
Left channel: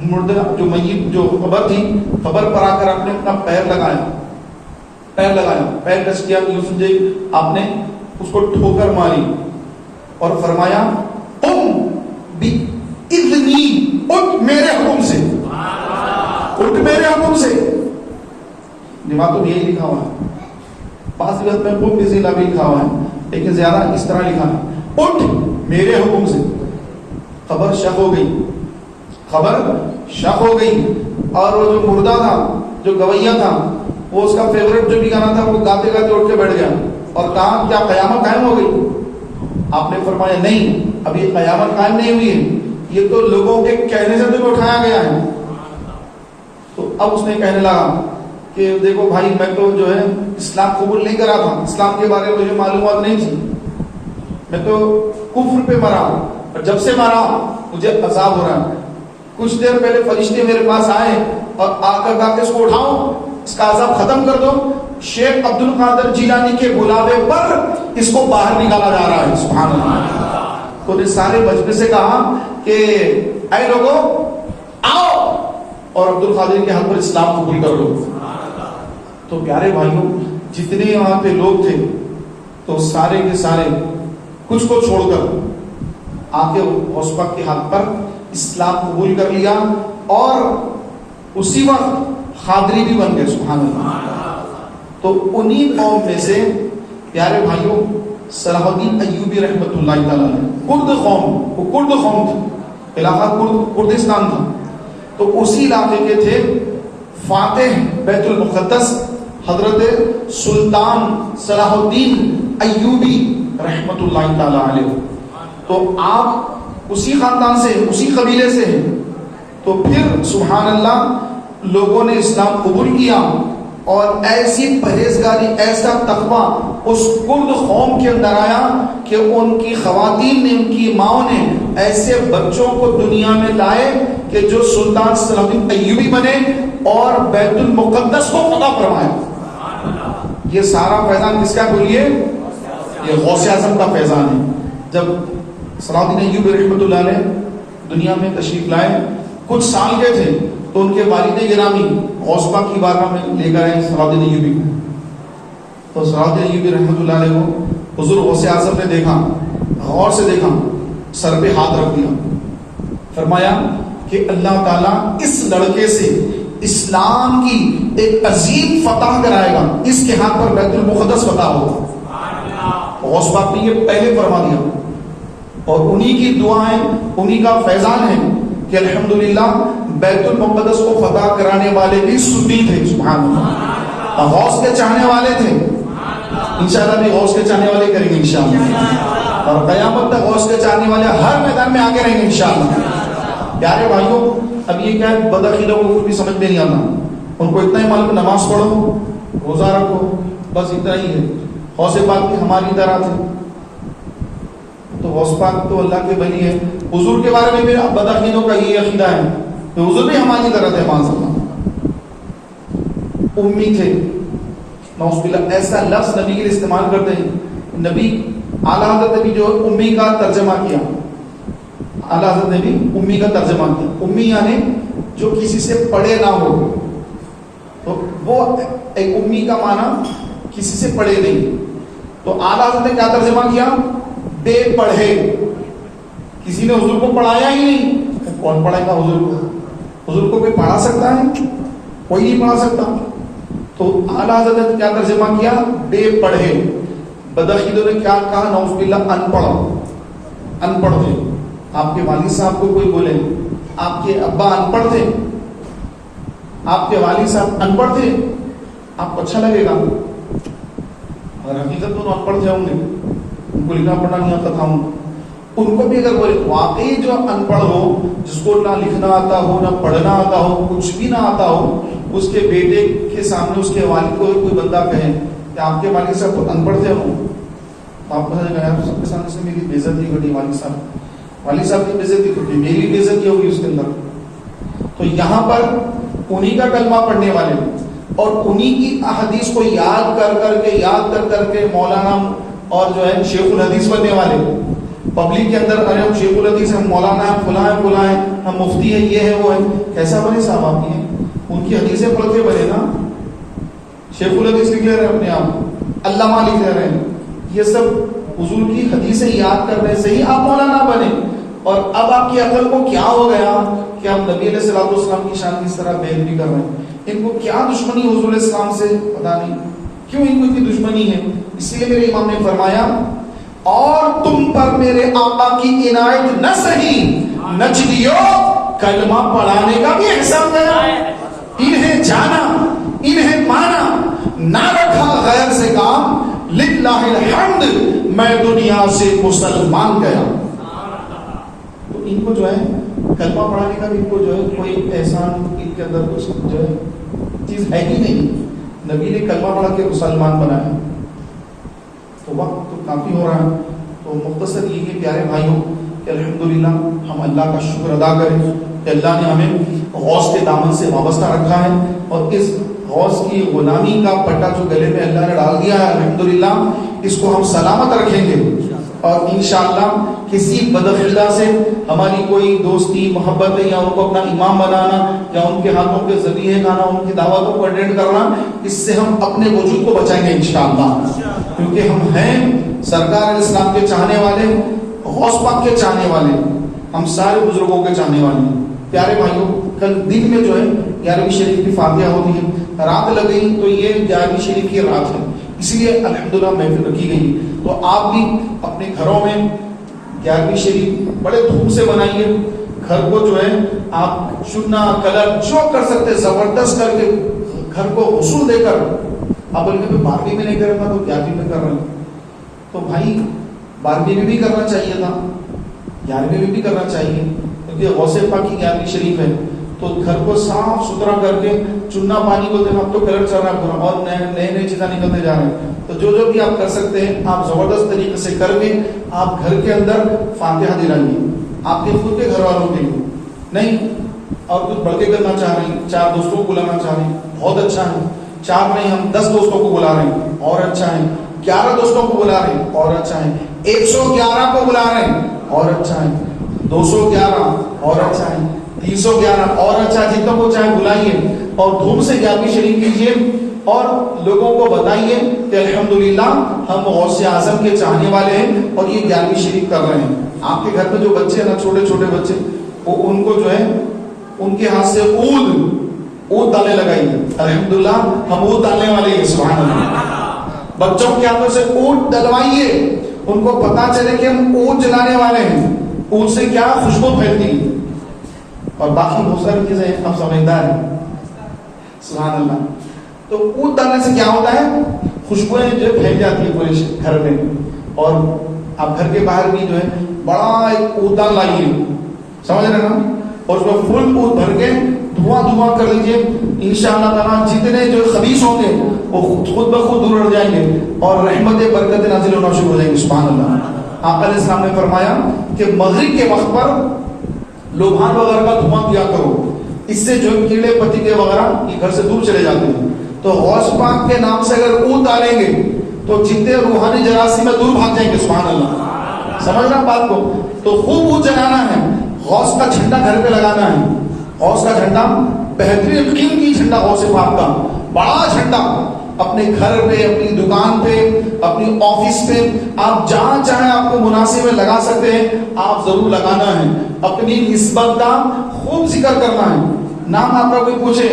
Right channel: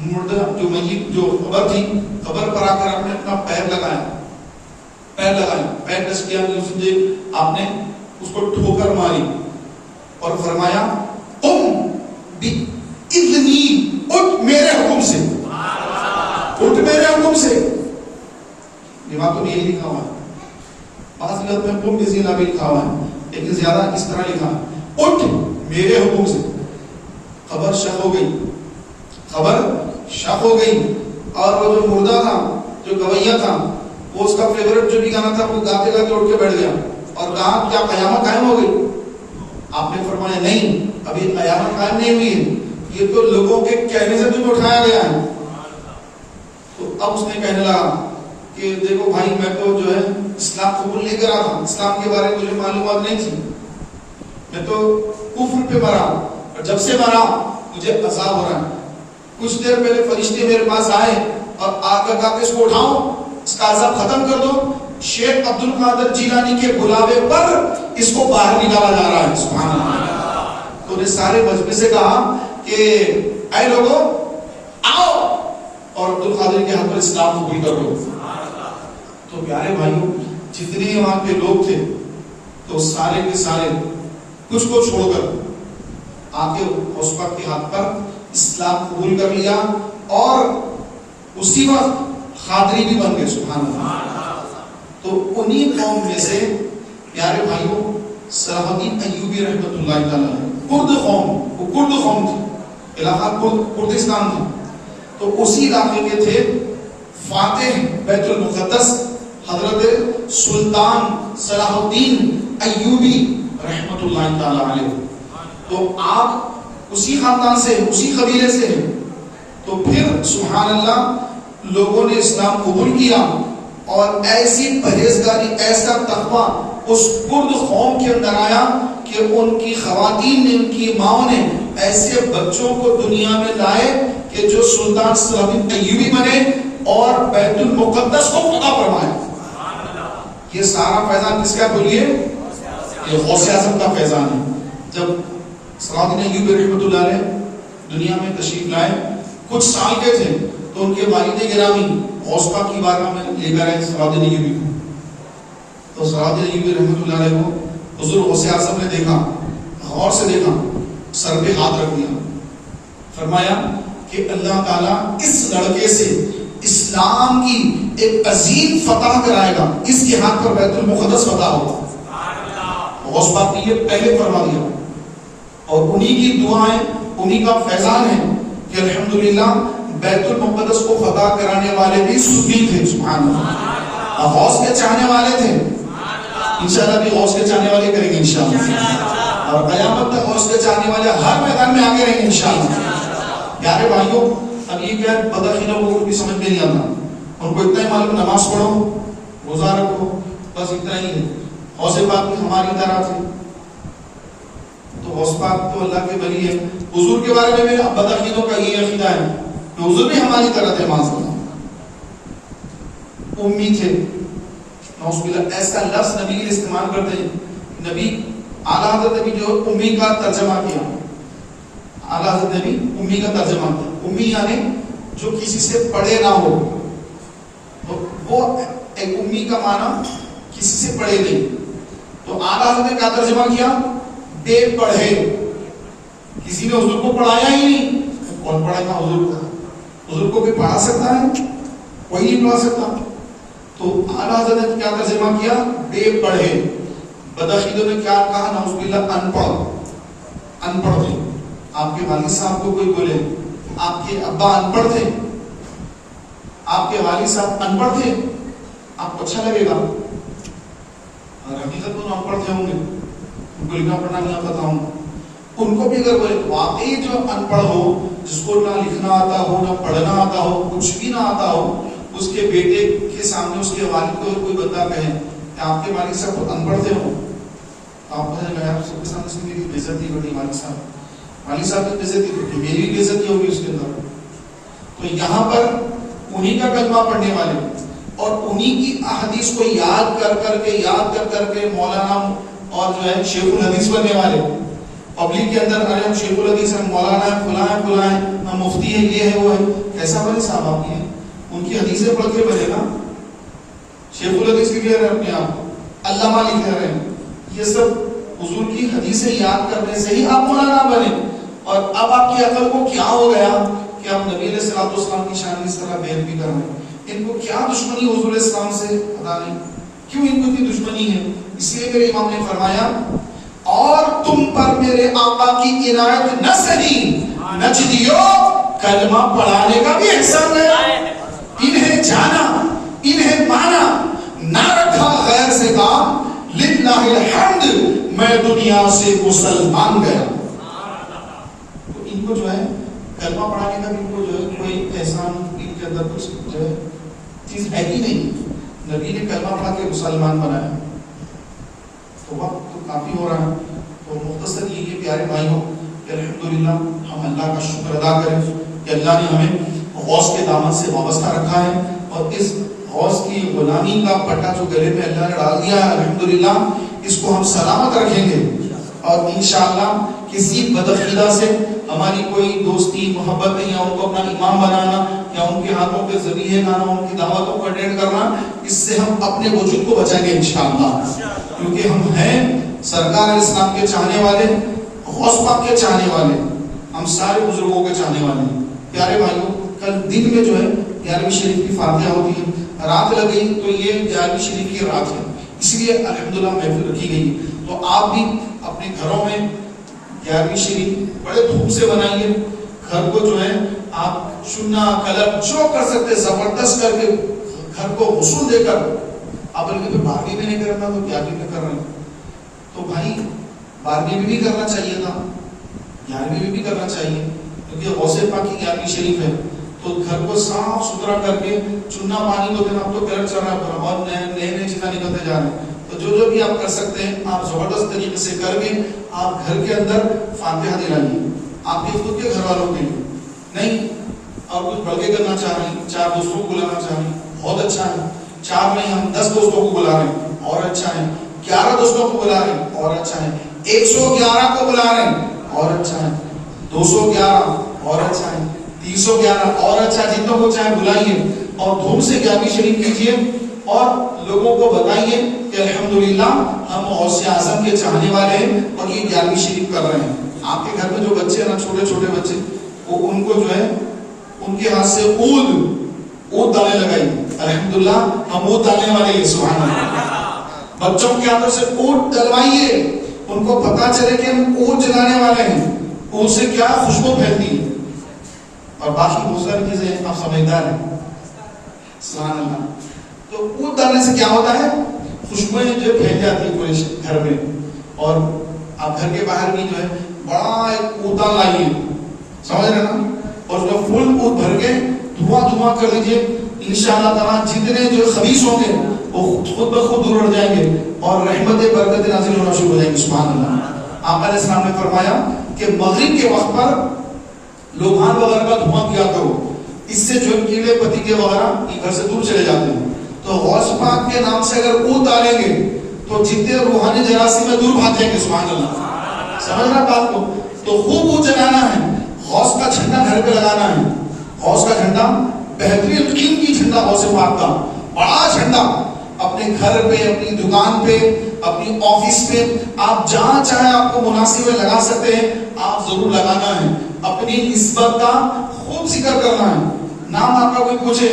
مردہ جو میت جو قبر تھی، قبر پر آ کر آپ نے اپنا پیر لگایا، پیر ٹچ کیا، آپ نے اس کو ٹھوکر ماری اور فرمایا قم بإذنی، اٹھ میرے حکم سے، اٹھ میرے حکم سے. دماغ تو یہی لکھا ہوا ہے، پاس وقت میں قم بإذن اللہ بھی لکھا ہوا ہے، لیکن زیادہ اس طرح لکھا ہے اٹھ میرے حکم سے. خبر شک ہو گئی، اور وہ جو مردہ تھا، جو گویا تھا، وہ اس کا فیورٹ جو بھی گانا تھا وہ گاتے گاتے اٹھ کے بیٹھ گیا. اور کہا کیا قیامت قائم ہو گئی؟ آپ نے فرمایا نہیں، ابھی قیامت قائم نہیں ہوئی ہے، یہ تو لوگوں کے کہنے سے تمہیں اٹھایا گیا ہے۔ تو اب اس نے کہنے لگا کہ دیکھو بھائی، میں تو جو ہے اسلام قبول نہیں کرا تھا، اسلام کے بارے میں مجھے معلومات نہیں تھی، میں تو کفر پہ مرا، اور جب سے مرا مجھے عذاب ہو رہا ہے۔ کچھ دیر پہلے فرشتے میرے پاس آئے اور آ کر کہا کہ اس کو اٹھاؤ، اس کا عذاب ختم کر دو۔ شیخ عبد القادر جیلانی کے بلاوے پر اس کو باہر نکالا جا رہا ہے، سبحان اللہ۔ تو نے سارے مجمع سے کہا کہ اے لوگوں آؤ، اور عبد القادر کے ہاتھ پر اسلام قبول کر لو۔ تو پیارے بھائیوں، جتنے وہاں پہ لوگ تھے تو سارے کے سارے کچھ کو چھوڑ کر آ کے غوث پاک کے ہاتھ پر اسلام قبول کر لیا، اور اسی وقت خادری بھی بن گئے، سبحان اللہ۔ تو انہی قوم میں سے پیارے بھائیوں صلاح الدین ایوبی رحمۃ اللہ تعالیٰ نے، کرد قوم، وہ کرد قوم تھی، علاقہ کردستان تھا، تو اسی علاقے کے تھے فاتح بیت المقدس حضرت سلطان صلاح الدین ایوبی رحمۃ اللہ تعالیٰ علیہ۔ تو آپ اسی خاندان سے، اسی قبیلے سے ہیں، تو پھر سبحان اللہ لوگوں نے اسلام قبول کیا، اور ایسی پرہیزگاری، ایسا تقوی اس کرد قوم کے اندر آیا کہ ان کی خواتین نے، ان کی ماؤں نے ایسے بچوں کو دنیا میں لائے کہ جو سلطان صلاح الدین ایوبی بنے اور بیت المقدس کو فتح فرمائے۔ یہ سارا فیضان کس کا بولیے؟ یہ غوث اعظم کا فیضان ہے۔ جب صلاح الدین ایوبی رحمۃ اللہ علیہ دنیا میں تشریف لائے، کچھ سال کے تھے، تو ان کے والد گرامی غوث پاک کی بارگاہ میں لے کر آئے صلاح الدین ایوبی کو۔ تو صلاح الدین ایوبی رحمۃ اللہ علیہ کو حضور غوث اعظم نے دیکھا، غور سے دیکھا، سر پہ ہاتھ رکھ دیا، فرمایا کہ اللہ تعالیٰ اس لڑکے سے اسلام کی ایک عظیم فتح کرائے گا، اس کے ہاتھ پر بیت المقدس فتح ہوگا۔ غوث پاک نے یہ پہلے فرما دیا، اور انہی کی دعائیں، انہی کا فیضان ہے کہ الحمدللہ بیت المقدس کو فتح کرانے والے بھی سنی تھے، سبحان اللہ، غوث کے چاہنے والے تھے۔ انشاءاللہ بھی غوث کے چاہنے والے کریں گے انشاءاللہ، اور قیامت تک غوث کے چاہنے والے ہر میدان میں آگے رہیں گے انشاءاللہ۔ پیارے بھائیوں، اب یہ کیا ہے، بدعقیدوں کو بھی سمجھ میں نہیں آتا، ان کو اتنا ہی معلوم، نماز پڑھو، روزہ رکھو، بس اتنا ہی ہے۔ غوث پاک بھی ہماری طرح تھے، تو غوث پاک تو اللہ کے ولی ہے۔ حضور کے بارے میں بھی بدعقیدوں کا یہ عقیدہ ہے کہ حضور بھی ہماری طرح تھے، معاذ اللہ، امی تھے، نعوذ باللہ۔ ایسا لفظ نبی کے لیے استعمال کرتے ہیں، نبی اعلیٰ حضرت نے بھی جو امی کا ترجمہ کیا، اعلیٰ حضرت نے بھی امی کا ترجمہ کیا۔ امی یعنی جو کسی سے پڑھے نہ ہو، تو وہ ایک امی کا معنی کسی سے پڑھے نہیں، تو اعلیٰ حضرت نے کیا ترجمہ کیا؟ بے پڑھے۔ کسی نے حضور کو پڑھایا ہی نہیں، کون پڑھائے گا حضور کو؟ حضور کو کوئی پڑھا سکتا ہے؟ کوئی نہیں پڑھا سکتا۔ تو اعلیٰ حضرت نے کیا ترجمہ کیا؟ بے پڑھے۔ بدعقیدوں نے کیا کہا؟ نعوذ باللہ، ان پڑھ، ان پڑھ تھے۔ آپ کے والد صاحب کو کوئی بولے آپ کے ابا ان پڑھ تھے، آپ کے والد صاحب ان پڑھ تھے، آپ کو اچھا لگے گا، اور حقیقت تو ان پڑھ تھے ہوں گے، ان کو لکھنا پڑھنا نہیں آتا تھا۔ ان کو بھی اگر بولے واقعی جو ان پڑھ ہو، جس کو نہ لکھنا آتا ہو، نہ پڑھنا آتا ہو، کچھ بھی نہ آتا ہو، اس کے بیٹے کے سامنے اس کے والد کو کوئی بندہ کہے کہ آپ کے والد صاحب ان پڑھ تھے ہوں، تو آپ کہا گیا سب کے سامنے سے میری بےزتی گھٹی، والد صاحب کی بےزتی گھٹی، میری بھی بےزتی ہوگی اس کے اندر۔ تو یہاں پر انہی کا کلمہ پڑھنے والے اور انہی کی احادیث کو یاد کر کے مولانا اور جو ہے شیخ الحدیث بننے والے، پبلک کے اندر ارے ہم شیخ الحدیث ہیں، مولانا ہیں، فلاں ہیں، ہم مفتی ہیں، یہ ہے وہ ہے۔ کیسا بنے صاحب آپ یہ؟ ان کی حدیثیں پڑھ کے بنے نا، شیخ الحدیث لکھ رہے ہیں اپنے آپ، علامہ لکھ رہے ہیں، یہ سب حضور کی حدیثیں یاد کرنے سے ہی آپ مولانا بنے۔ اور اب آپ کی عقل کو کیا ہو گیا کہ آپ نبی علیہ الصلوۃ والسلام کی شان کی اس طرح بیان بھی کر رہے ہیں؟ ان کو کیا دشمنی حضور علیہ السلام سے پتا نہیں، کیوں ان کو اتنی دشمنی ہے؟ اس لیے میرے امام نے فرمایا، اور تم پر میرے آقا کی عنایت نہ سہی نجدیو، کلمہ پڑھانے کا بھی احسان ہے، انہیں جانا، انہیں مانا، نہ رکھا غیر سے کام، للہ وللہ الحمد میں دنیا سے مسلمان گیا. تو ان کو جو ہے کلمہ پڑھانے کا بھی ان کو جو ہے کوئی احسان ان کے اندر کچھ جو ہے چیز ہے ہی نہیں. نبی نے کلمہ پڑھا کے مسلمان بنایا. تو وقت تو کافی ہو رہا ہے، تو مختصر یہ ہے پیارے بھائیوں کہ الحمدللہ ہم اللہ کا شکر ادا کریں کہ اللہ نے ہمیں غوث کے دامن سے وابستہ رکھا ہے، اور اس غوث کی غلامی کا پٹا جو گلے میں اللہ نے ڈال دیا ہے، الحمدللہ اس کو ہم سلامت رکھیں گے. اور انشاءاللہ کسی بدعقیدہ سے ہماری کوئی دوستی محبت یا ان کو اپنا امام بنانا یا ان کے ہاتھوں کے ذریعے کھانا، ان کی دعوتوں کو اٹینڈ کرنا، اس سے ہم اپنے وجود کو بچائیں گے انشاءاللہ. کیونکہ ہم ہیں سرکار اسلام کے چاہنے والے، غوث پاک کے چاہنے والے، ہم سارے بزرگوں کے چاہنے والے. پیارے بھائیوں کل دن میں جو ہے 11ویں شریف کی فاتحہ ہوتی ہے، رات لگی تو یہ 11ویں شریف کی رات ہے، اس لیے الحمدللہ محفل رکھی گئی. تو آپ بھی اپنے گھروں میں 11ویں شریف بڑے دھوم سے منائیے. گھر کو جو ہے آپ چنا کلر جو کر سکتے زبردست کر کے گھر کو غسل دے کر، آپ بلکہ 12ویں میں نہیں کرنا تو 11ویں میں کر رہے ہیں. تو بھائی 12ویں میں بھی کرنا چاہیے تھا، 11ویں میں بھی کرنا چاہیے، کیونکہ غوث پاک کی 11ویں شریف ہے. تو گھر کو صاف ستھرا کر کے چنا پانی دو دن اب تو کلر چل رہا ہے اور نئے چیزیں نکلتے جا رہے ہیں. تو جو بھی آپ کر سکتے ہیں آپ زبردست طریقے سے کر کے آپ گھر کے اندر فاتحہ دلائیے، آپ کے خود کے گھر والوں کے لیے نہیں، اور کچھ بڑھ کے کرنا چاہ رہے ہیں، 4 دوستوں کو بلانا چاہ رہے ہیں، بہت اچھا ہے. 4 نہیں ہم 10 دوستوں کو بلا رہے ہیں اور اچھا ہے. 11 دوستوں کو بلا رہے ہیں اور اچھا ہے. 111 کو بلا رہے ہیں اور اچھا ہے. 211 اور اچھا ہے. 311 اور اچھا ہے. جتنوں کو چاہے بلائیے اور دھوم سے 11ویں شریف کیجیے اور لوگوں کو بتائیے کہ الحمدللہ ہم غوث اعظم کے چاہنے والے ہیں اور یہ 11ویں شریف کر رہے ہیں. آپ کے گھر میں جو بچے ہیں نا، چھوٹے چھوٹے بچے، وہ ان کو جو ہے ان کے ہاتھ سے اود ڈالنے لگائیے. الحمدللہ ہم اود ڈالنے والے ہیں. سبحان اللہ. بچوں کے ہاتھوں سے اود ڈلوائیے، ان کو پتا چلے کہ ہم اود جلانے والے ہیں. اود سے کیا خوشبو پھیلتی ہے اور باقی بہت ساری چیزیں آپ سمجھدار ہیں. سبحان اللہ. تو اود ڈالنے سے کیا ہوتا ہے؟ خوشبوئیں جو پھیل جاتی ہیں پورے گھر میں. اور آپ گھر کے باہر بھی جو ہے بڑا ایک اود دان لائیے، سمجھ رہے نا، اور اس میں فل اود بھر کے دھواں کر لیجیے. انشاءاللہ تعالیٰ جتنے جو خبیث ہوں گے وہ خود بخود دور ہٹ جائیں گے اور رحمت برکت نازل ہونا شروع ہو جائیں گے. سبحان اللہ. آپ علیہ السلام نے فرمایا کہ مغرب کے وقت پر لوبھان وغیرہ کا دھواں کیا کرو، اس سے جو کیڑے پتنگے وغیرہ یہ گھر سے دور چلے جاتے ہیں. تو غوث پاک کے نام سے اگر اود ڈالیں گے تو جتنے روحانی جراثیم میں دور بھاگ جائیں گے. سبحان اللہ. سمجھنا بات کو. تو خوب اود جلانا ہے، غوث کا جھنڈا گھر پہ لگانا ہے. غوث کا جھنڈا بہترین قیمتی جھنڈا، غوث پاک کا بڑا جھنڈا اپنے گھر پہ، اپنی دکان پہ، اپنی آفس پہ، آپ جہاں چاہیں آپ کو مناسب لگا سکتے ہیں، آپ ضرور لگانا ہے. اپنی نسبت کا خوب ذکر کرنا ہے. نام آپ کا کوئی پوچھے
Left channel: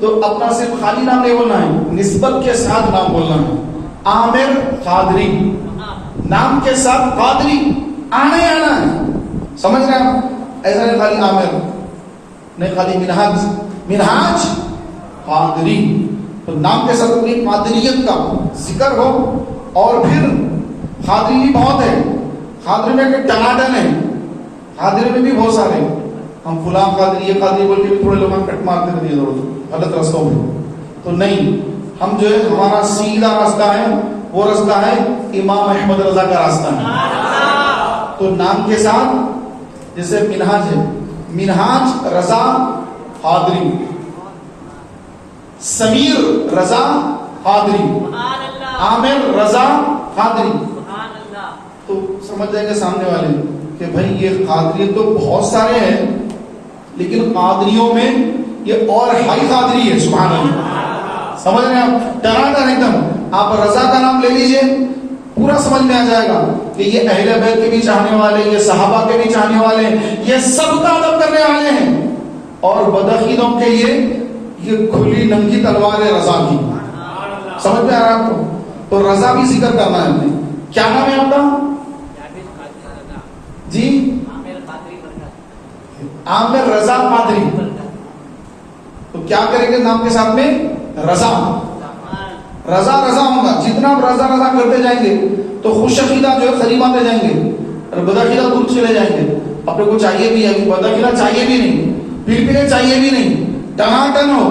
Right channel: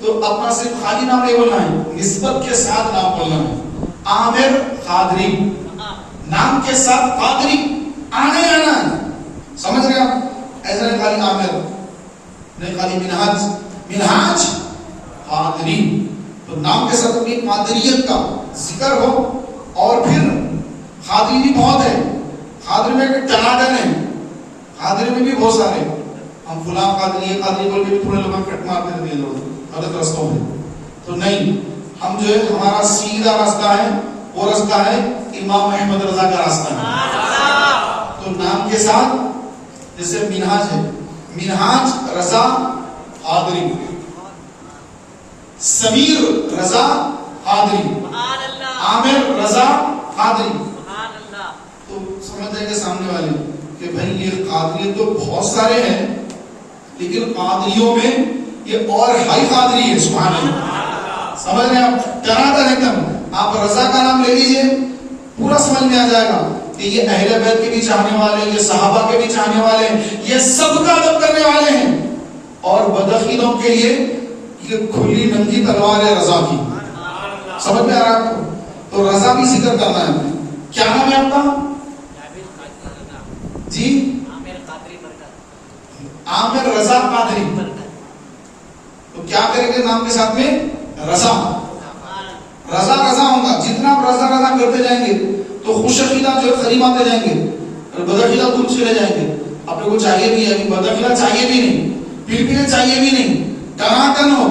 تو اپنا صرف خالی نام نہیں بولنا ہے، نسبت کے ساتھ نام بولنا ہے. عامر قادری، نام کے ساتھ قادری آنا ہی آنا ہے. سمجھ رہے ہیں آپ؟ ایسا نہیں خالی عامر، نہیں خالی منہاج قادری. تو نام کے ساتھ اپنی قادریت کا ذکر ہو. اور پھر قادری بھی بہت ہے، قادری میں کہ ٹناٹن ہے، قادری میں بھی بہت سارے. ہم فلاں قادری، یہ قادری بول کے بھی تھوڑے لوگ کٹ مارتے تھے غلط رستوں میں. تو نہیں، ہم جو ہے ہمارا سیدھا راستہ ہے، وہ راستہ ہے امام احمد رضا کا راستہ ہے. تو نام کے ساتھ جیسے منہاج ہے، منہاج رضا قادری، سمیر رضا قادری، عامر رضا قادری. تو سمجھ جائیں گے سامنے والے کہ بھائی یہ قادری تو بہت سارے ہیں، لیکن قادریوں میں یہ اور ہائی قادری ہے. سبحان اللہ. سمجھ رہے ہیں آپ؟ ٹناٹن ایک دم. آپ رضا کا نام لے لیجئے، پورا سمجھ میں آ جائے گا کہ یہ اہل بیت کے بھی چاہنے والے، یہ صحابہ کے بھی چاہنے والے، یہ سب کا ادب کرنے والے ہیں. اور بدعقیدوں کے لیے یہ کھلی ننگی تلوار ہے رضا کی. سمجھ میں آ رہا ہے آپ کو؟ تو رضا بھی ذکر کرنا ہے. کیا نام ہے آپ کا؟ جی عامر رضا قادری. تو کیا کریں گے نام کے ساتھ میں؟ رضا. رضا رضا ہوگا. جتنا آپ رضا رضا کرتے جائیں گے تو خوش عقیدہ جو ہے قریب آتے جائیں گے اور بدعقیدہ دور چلے جائیں گے. اپنے کو چاہیے بھی ہے بدعقیدہ چاہیے بھی نہیں, پلپلے چاہیے بھی نہیں, ٹناٹن ہو,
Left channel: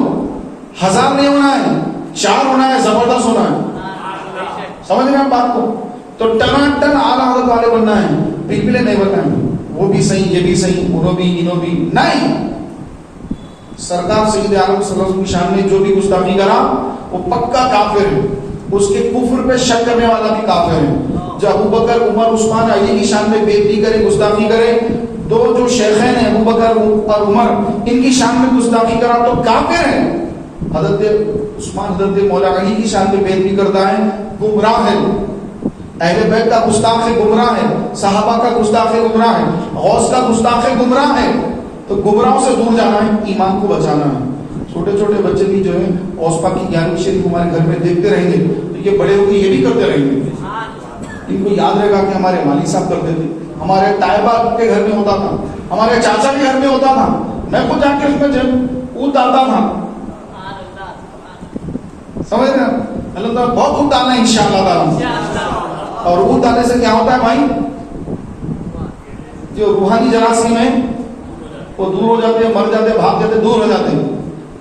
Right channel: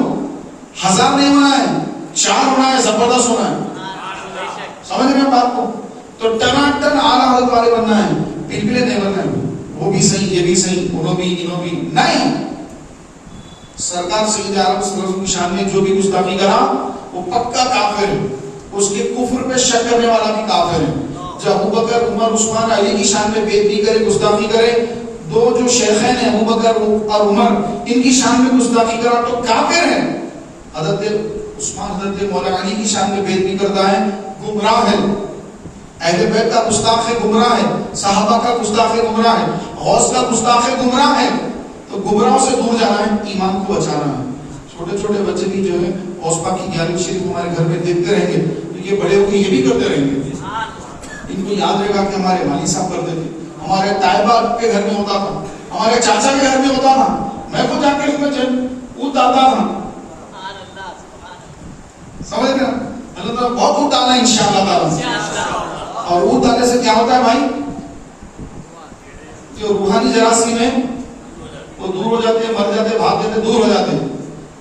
1000 نہیں ہونا ہے, 4 ہونا ہے, زبردست ہونا ہے. سمجھ رہے ہیں بات کو؟ تو ٹناٹن اعلیٰ حضرت والے بننا ہے, پلپلے نہیں بننا ہے. وہ بھی صحیح, یہ بھی صحیح, انہوں بھی انہوں بھی نہیں. سرکار سید عالم صلی اللہ علیہ وسلم کی شان میں جو بھی گستاخی کرا وہ پکا کافر ہے. اس کے کفر پہ شک کرنے والا بھی کافر ہے. جب ابوبکر, عمر, عثمان, علی کی شان میں بے ادبی کرے, گستاخی کرے, دو جو شیخین ہیں ابوبکر اور عمر, ان کی شان میں گستاخی کرا تو کافر ہے. حضرت عثمان, حضرت مولا علی کی شان میں بے ادبی کرتا ہے, گمراہ ہے. اہل بیت کا گستاخ گمراہ ہے, صحابہ کا گستاخ گمراہ ہے, غوث کا گستاخ گمراہ ہے. تو گمراہوں سے دور جانا ہے, ایمان کو بچانا ہے. چھوٹے چھوٹے بچے بھی جو ہے غوث پاک کی 11ویں شریف ہمارے گھر میں دیکھتے رہیں گے تو یہ بڑے ہو کے یہ بھی کرتے رہیں گے. ان کو یاد رہے گا کہ ہمارے والد صاحب کرتے تھے, ہمارے طیبہ کے گھر میں ہوتا تھا, ہمارے چاچا کے گھر میں ہوتا تھا, میں خود جا کے اس میں اونٹ آتا تھا. سمجھ رہے ہیں؟ اللہ تعالیٰ بہت اونٹ آنا ہے انشاءاللہ تعالیٰ. اور اونٹ آنے سے کیا ہوتا ہے بھائی؟ جو روحانی جراثیم ہے وہ دور ہو جاتے ہیں, مر جاتے ہیں, بھاگ جاتے ہیں, دور ہو جاتے ہیں.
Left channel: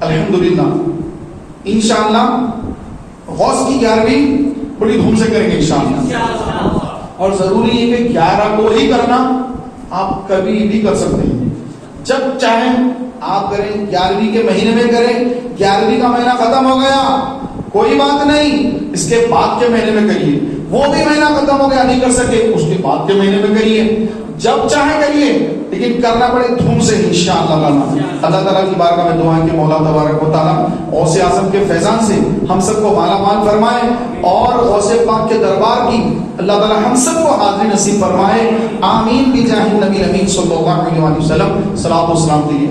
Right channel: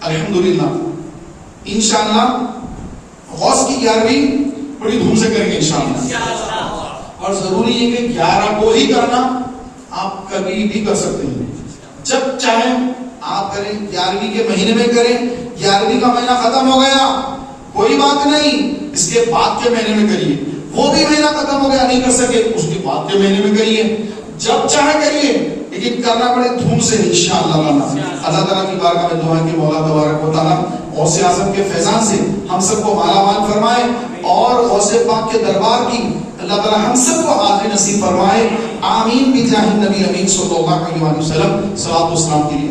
الحمدللہ انشاءاللہ غوث کی 11ویں بڑی دھوم سے کریں گے انشاءاللہ. اور ضروری ہے کہ 11 کو ہی کرنا, آپ کبھی بھی کر سکتے ہیں, جب چاہیں آپ کریں. 11ویں کے مہینے میں کریں, 11ویں کا مہینہ ختم ہو گیا کوئی بات نہیں, اس کے بعد کے مہینے میں کریے. وہ بھی مہینہ ختم ہو گیا نہیں کر سکے, اس کے بعد کے مہینے میں کریے, جب چاہے کریے, لیکن کرنا پڑے دھوم سے انشاءاللہ. اللہ تعالیٰ کی بارگاہ میں دعا ہے کہ مولا تبارک و تعالیٰ غوث اعظم کے فیضان سے ہم سب کو مالا مال فرمائے, اور غوث پاک کے دربار کی اللہ تعالیٰ ہم سب کو حاضری نصیب فرمائے. آمین بجاہ النبی امین صلی اللہ علیہ وسلم. صلاۃ و سلام کے لیے